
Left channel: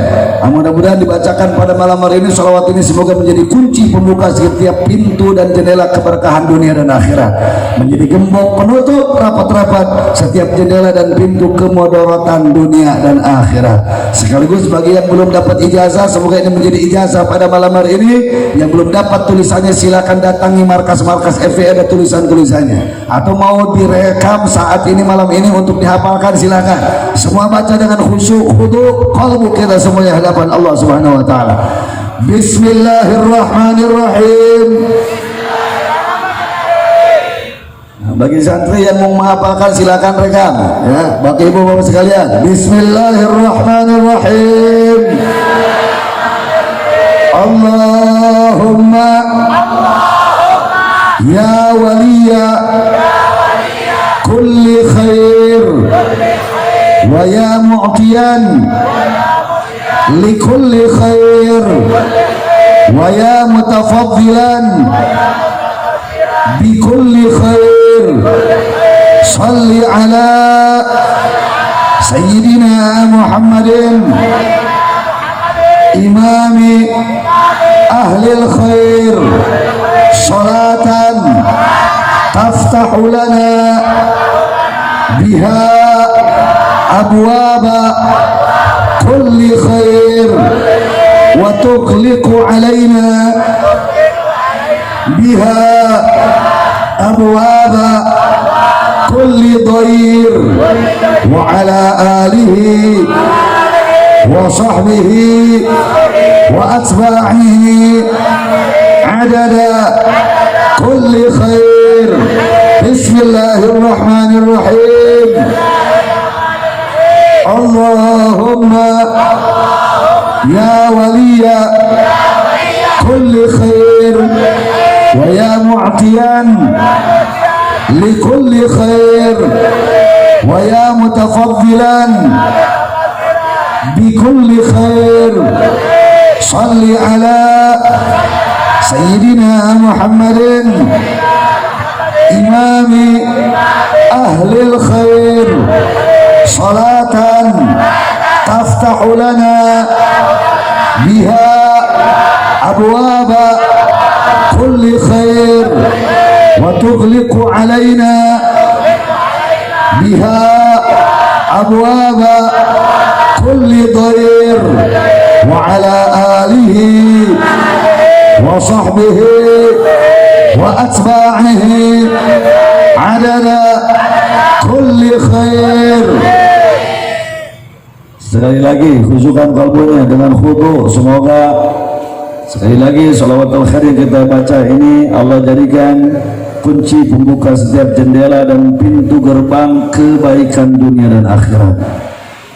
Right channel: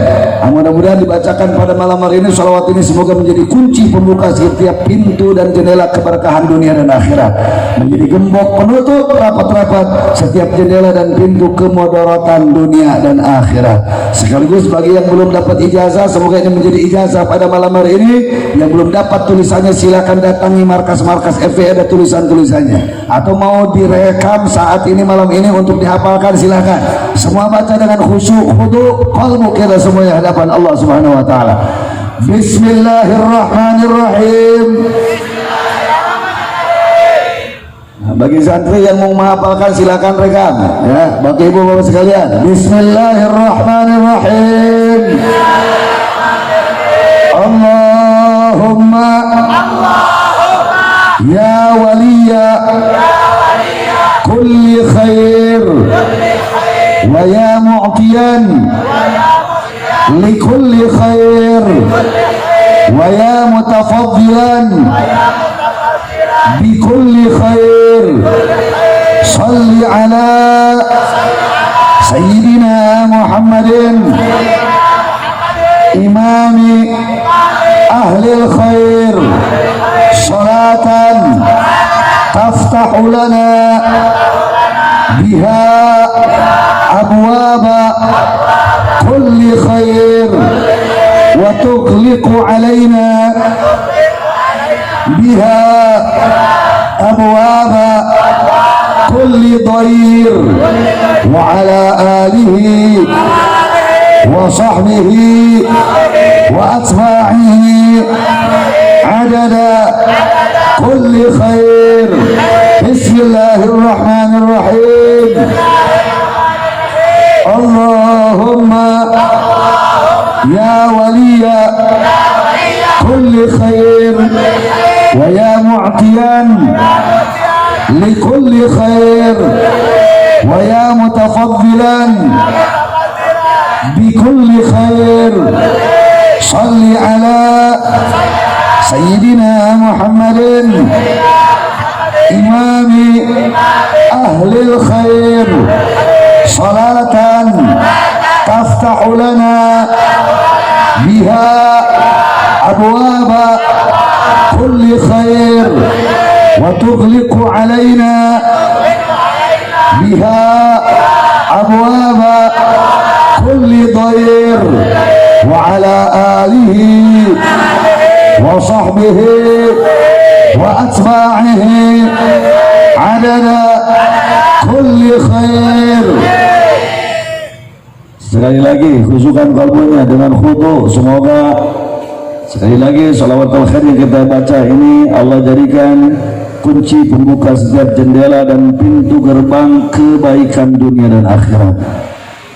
Mudah-mudahan dibacakan pada malam hari ini. Sholawat ini semoga menjadi kunci pembuka setiap pintu dan jendela keberkahan dunia dan akhirat, menjadi gembok penutup rapat-rapat setiap jendela dan pintu kemudorotan dunia dan akhirat. Sekaligus bagi yang belum dapat ijazah, semoga ini menjadi ijazah pada malam hari ini. Yang belum dapat tulisannya, silakan datangi markas-markas FE, ada tulisan-tulisannya. Atau mau direkam saat ini malam ini untuk dihafalkan, silakan. Semua baca dengan khusyuk, khudu qalbu kita semuanya hadapan Allah Subhanahu wa taala. Bismillahirrahmanirrahim. Nah, bagi santri yang mau menghafalkan silakan rekam ya, bagi ibu bapak sekalian. Bismillahirrahmanirrahim. Allahumma ya waliya kulli khair wa ya mu'tiyan likulli khair wa ya mutafaddilan bikulli khair salli ala sayyidina Muhammadin imami ahlil khair salatan taftahu lana biha abwaba kulli khair wa tughliqu alaina biha abwaba kulli dhair wa ala alihi wa sahbihi wa atba'ihi adada kulli khair. Bismillahirrahmanirrahim. Allahumma ya waliya kulli khair wa ya mu'tiyan likulli khair wa ya mutafaddilan bikulli khair salli ala sayyidina Muhammadin imami ahlil khair salatan taftahu lana biha abwaba kulli khair wa tughliqu alaina biha abwaba kulli dhair wa ala alihi wa sahbihi wa atba'ihi adada kulli khair. Sekali lagi khusyukan kalbunya dengan khudu. Semoga sekali lagi salawatul khair yang kita baca ini Allah jadikan kunci pembuka setiap jendela dan pintu gerbang kebaikan dunia dan akhirat,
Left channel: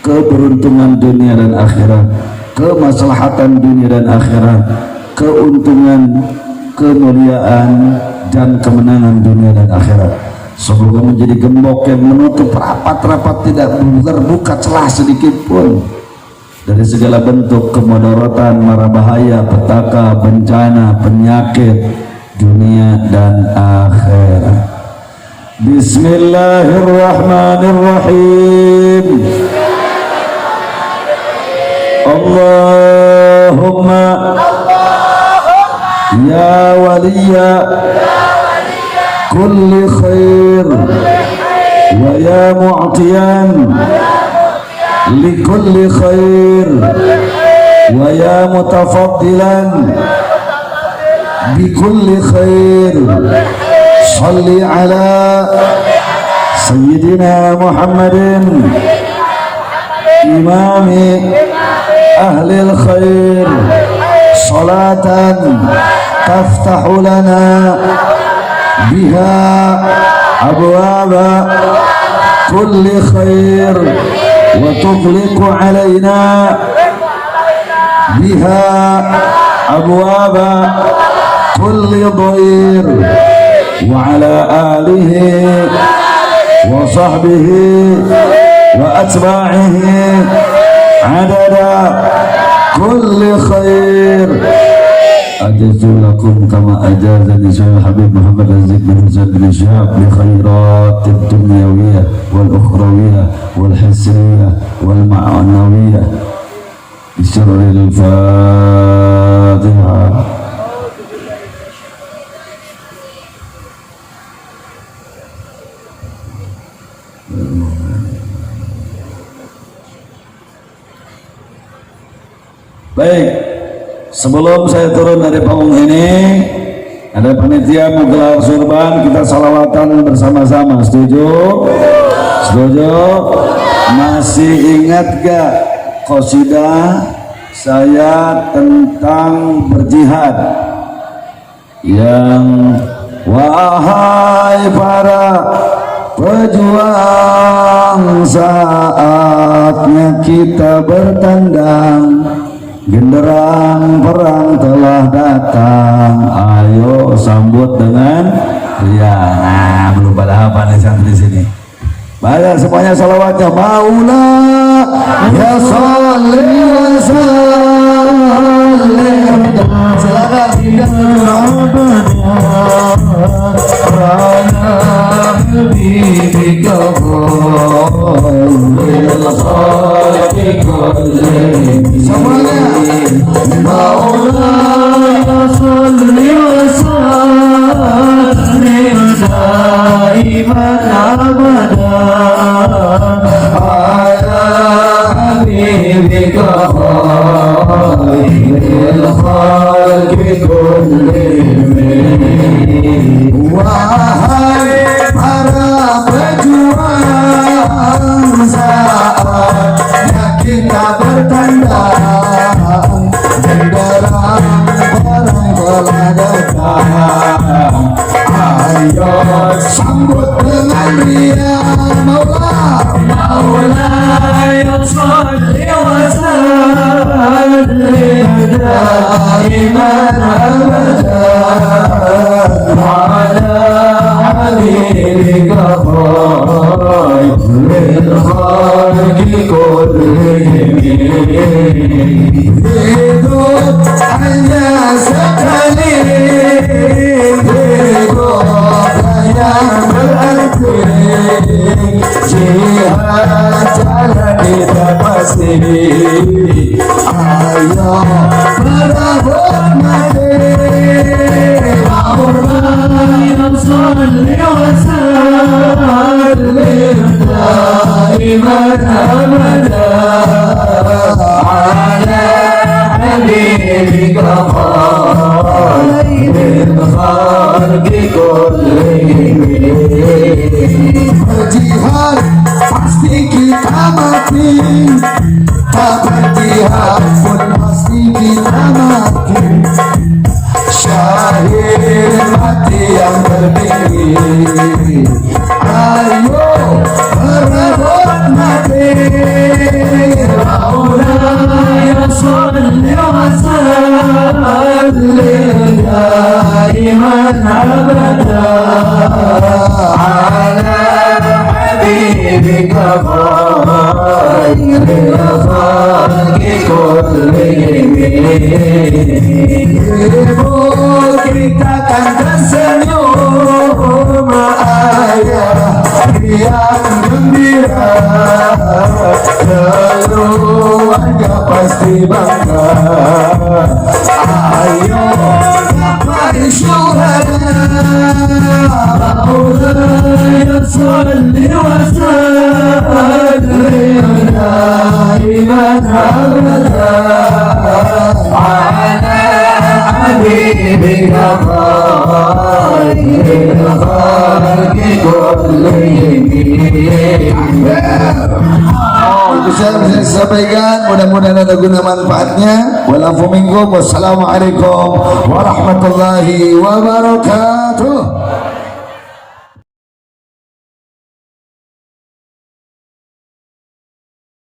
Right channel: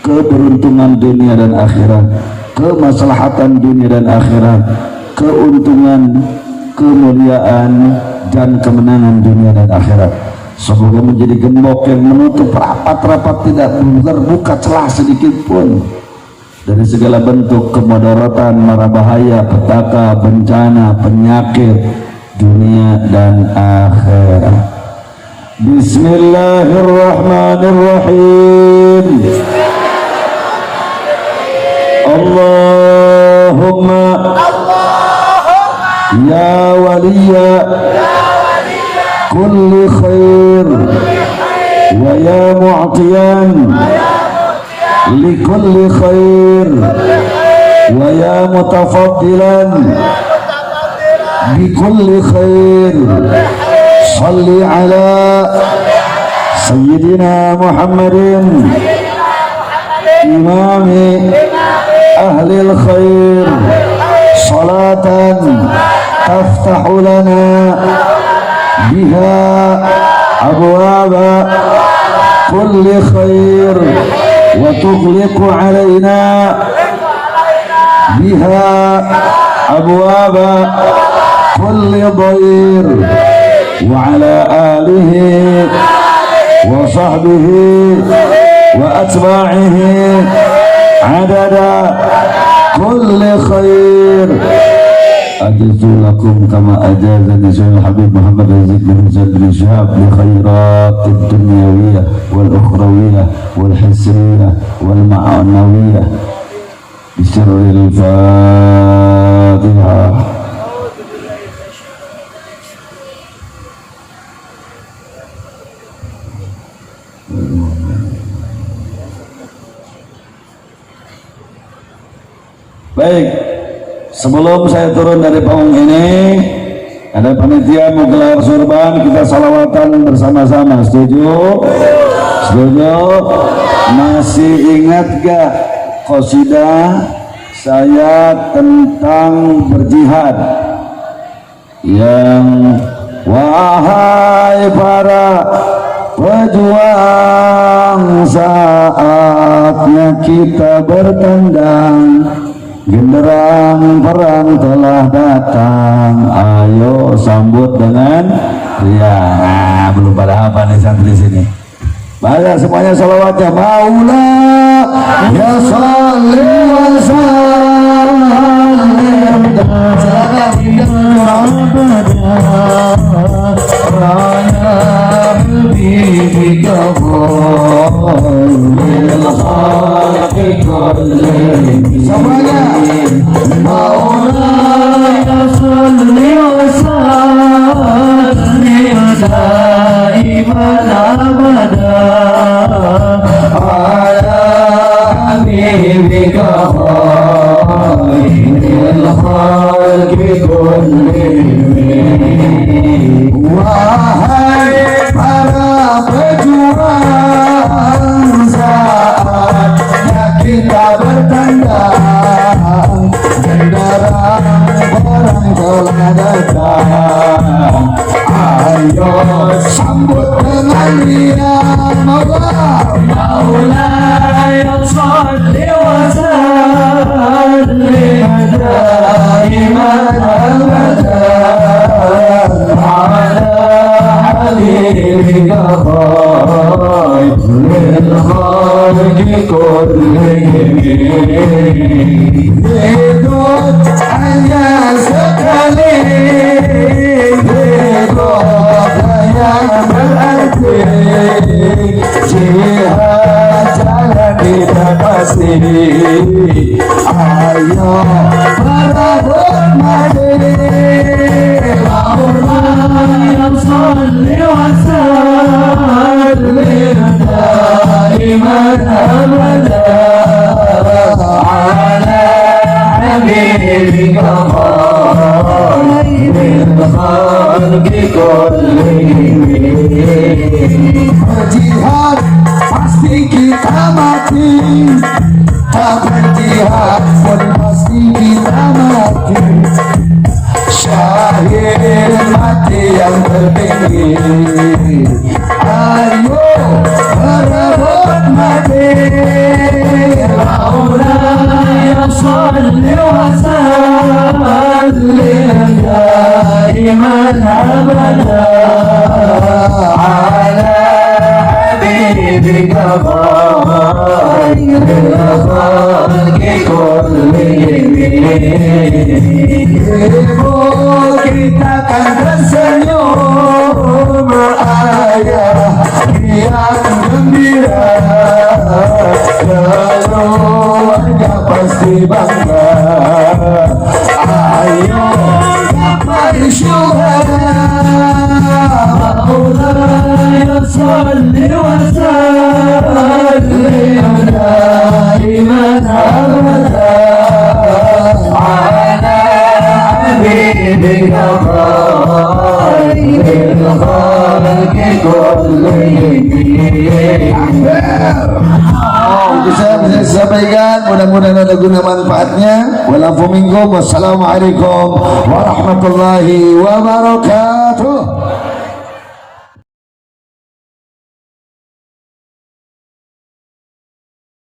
keberuntungan dunia dan akhirat, kemaslahatan dunia dan akhirat, keuntungan, kemuliaan dan kemenangan dunia dan akhirat. Semoga menjadi gembok yang menutup rapat-rapat, tidak terbuka celah sedikit pun dari segala bentuk kemudaratan, mara bahaya, petaka, bencana, penyakit dunia dan akhirat. Bismillahirrahmanirrahim. Allahumma ya waliya kulli khair wa ya mu'tiyan li kulli khair wa ya mutafaddilan bi kulli khair salli ala sayyidina Muhammadin imami ahli al-khair salatan taftahu lana biha abwaba kulli khair wa tughliqu alaina biha abwaba kulli dhair wa ala alihi wa sahbihi wa atba'ihi adada kulli khair. Ajazullakum kama ajazani Sayyidul Habib Muhammad Aziz bin Zaid bin Syahab bi khairatid dunyawiyah wal ukhrawiyah wal hisniyah wal ma'anawiyah. Bismillahil Fatihah. Baik, sebelum saya turun dari panggung ini, ada panitia menggelar sorban, kita salawatan bersama-sama. Setuju? Setuju? Masih ingat gak qasidah saya tentang berjihad yang wahai para pejuang, saatnya kita bertandang, genderang perang telah datang, ayo sambut dengan riang. Belum pada hafal nih sampai di sini. Banyak semuanya salawatnya. Maula ya salli wa sallim semuanya. Maula ya salli wa sallim daiman abada ala habibika khairil khalqi kullihim. الخلق كلهم berjihad pasti kita mati, tak berjihad pun pasti kita mati, syahid mati yang tertinggi. Ayo berebut mati, Maulaya salli wa sallim daiman abada ala habibika khairil khalqi kullihim. Kita kan tersenyum ayah yang gembira, keluarga pasti bangga. Ayo dapat syuhada, Maulaya salli wa sallim daiman abada ala habibika khairil khalqi kullihim. Itu saya sampaikan, mudah-mudahan ada guna manfaatnya. Wassalamualaikum warahmatullahi wabarakatuh.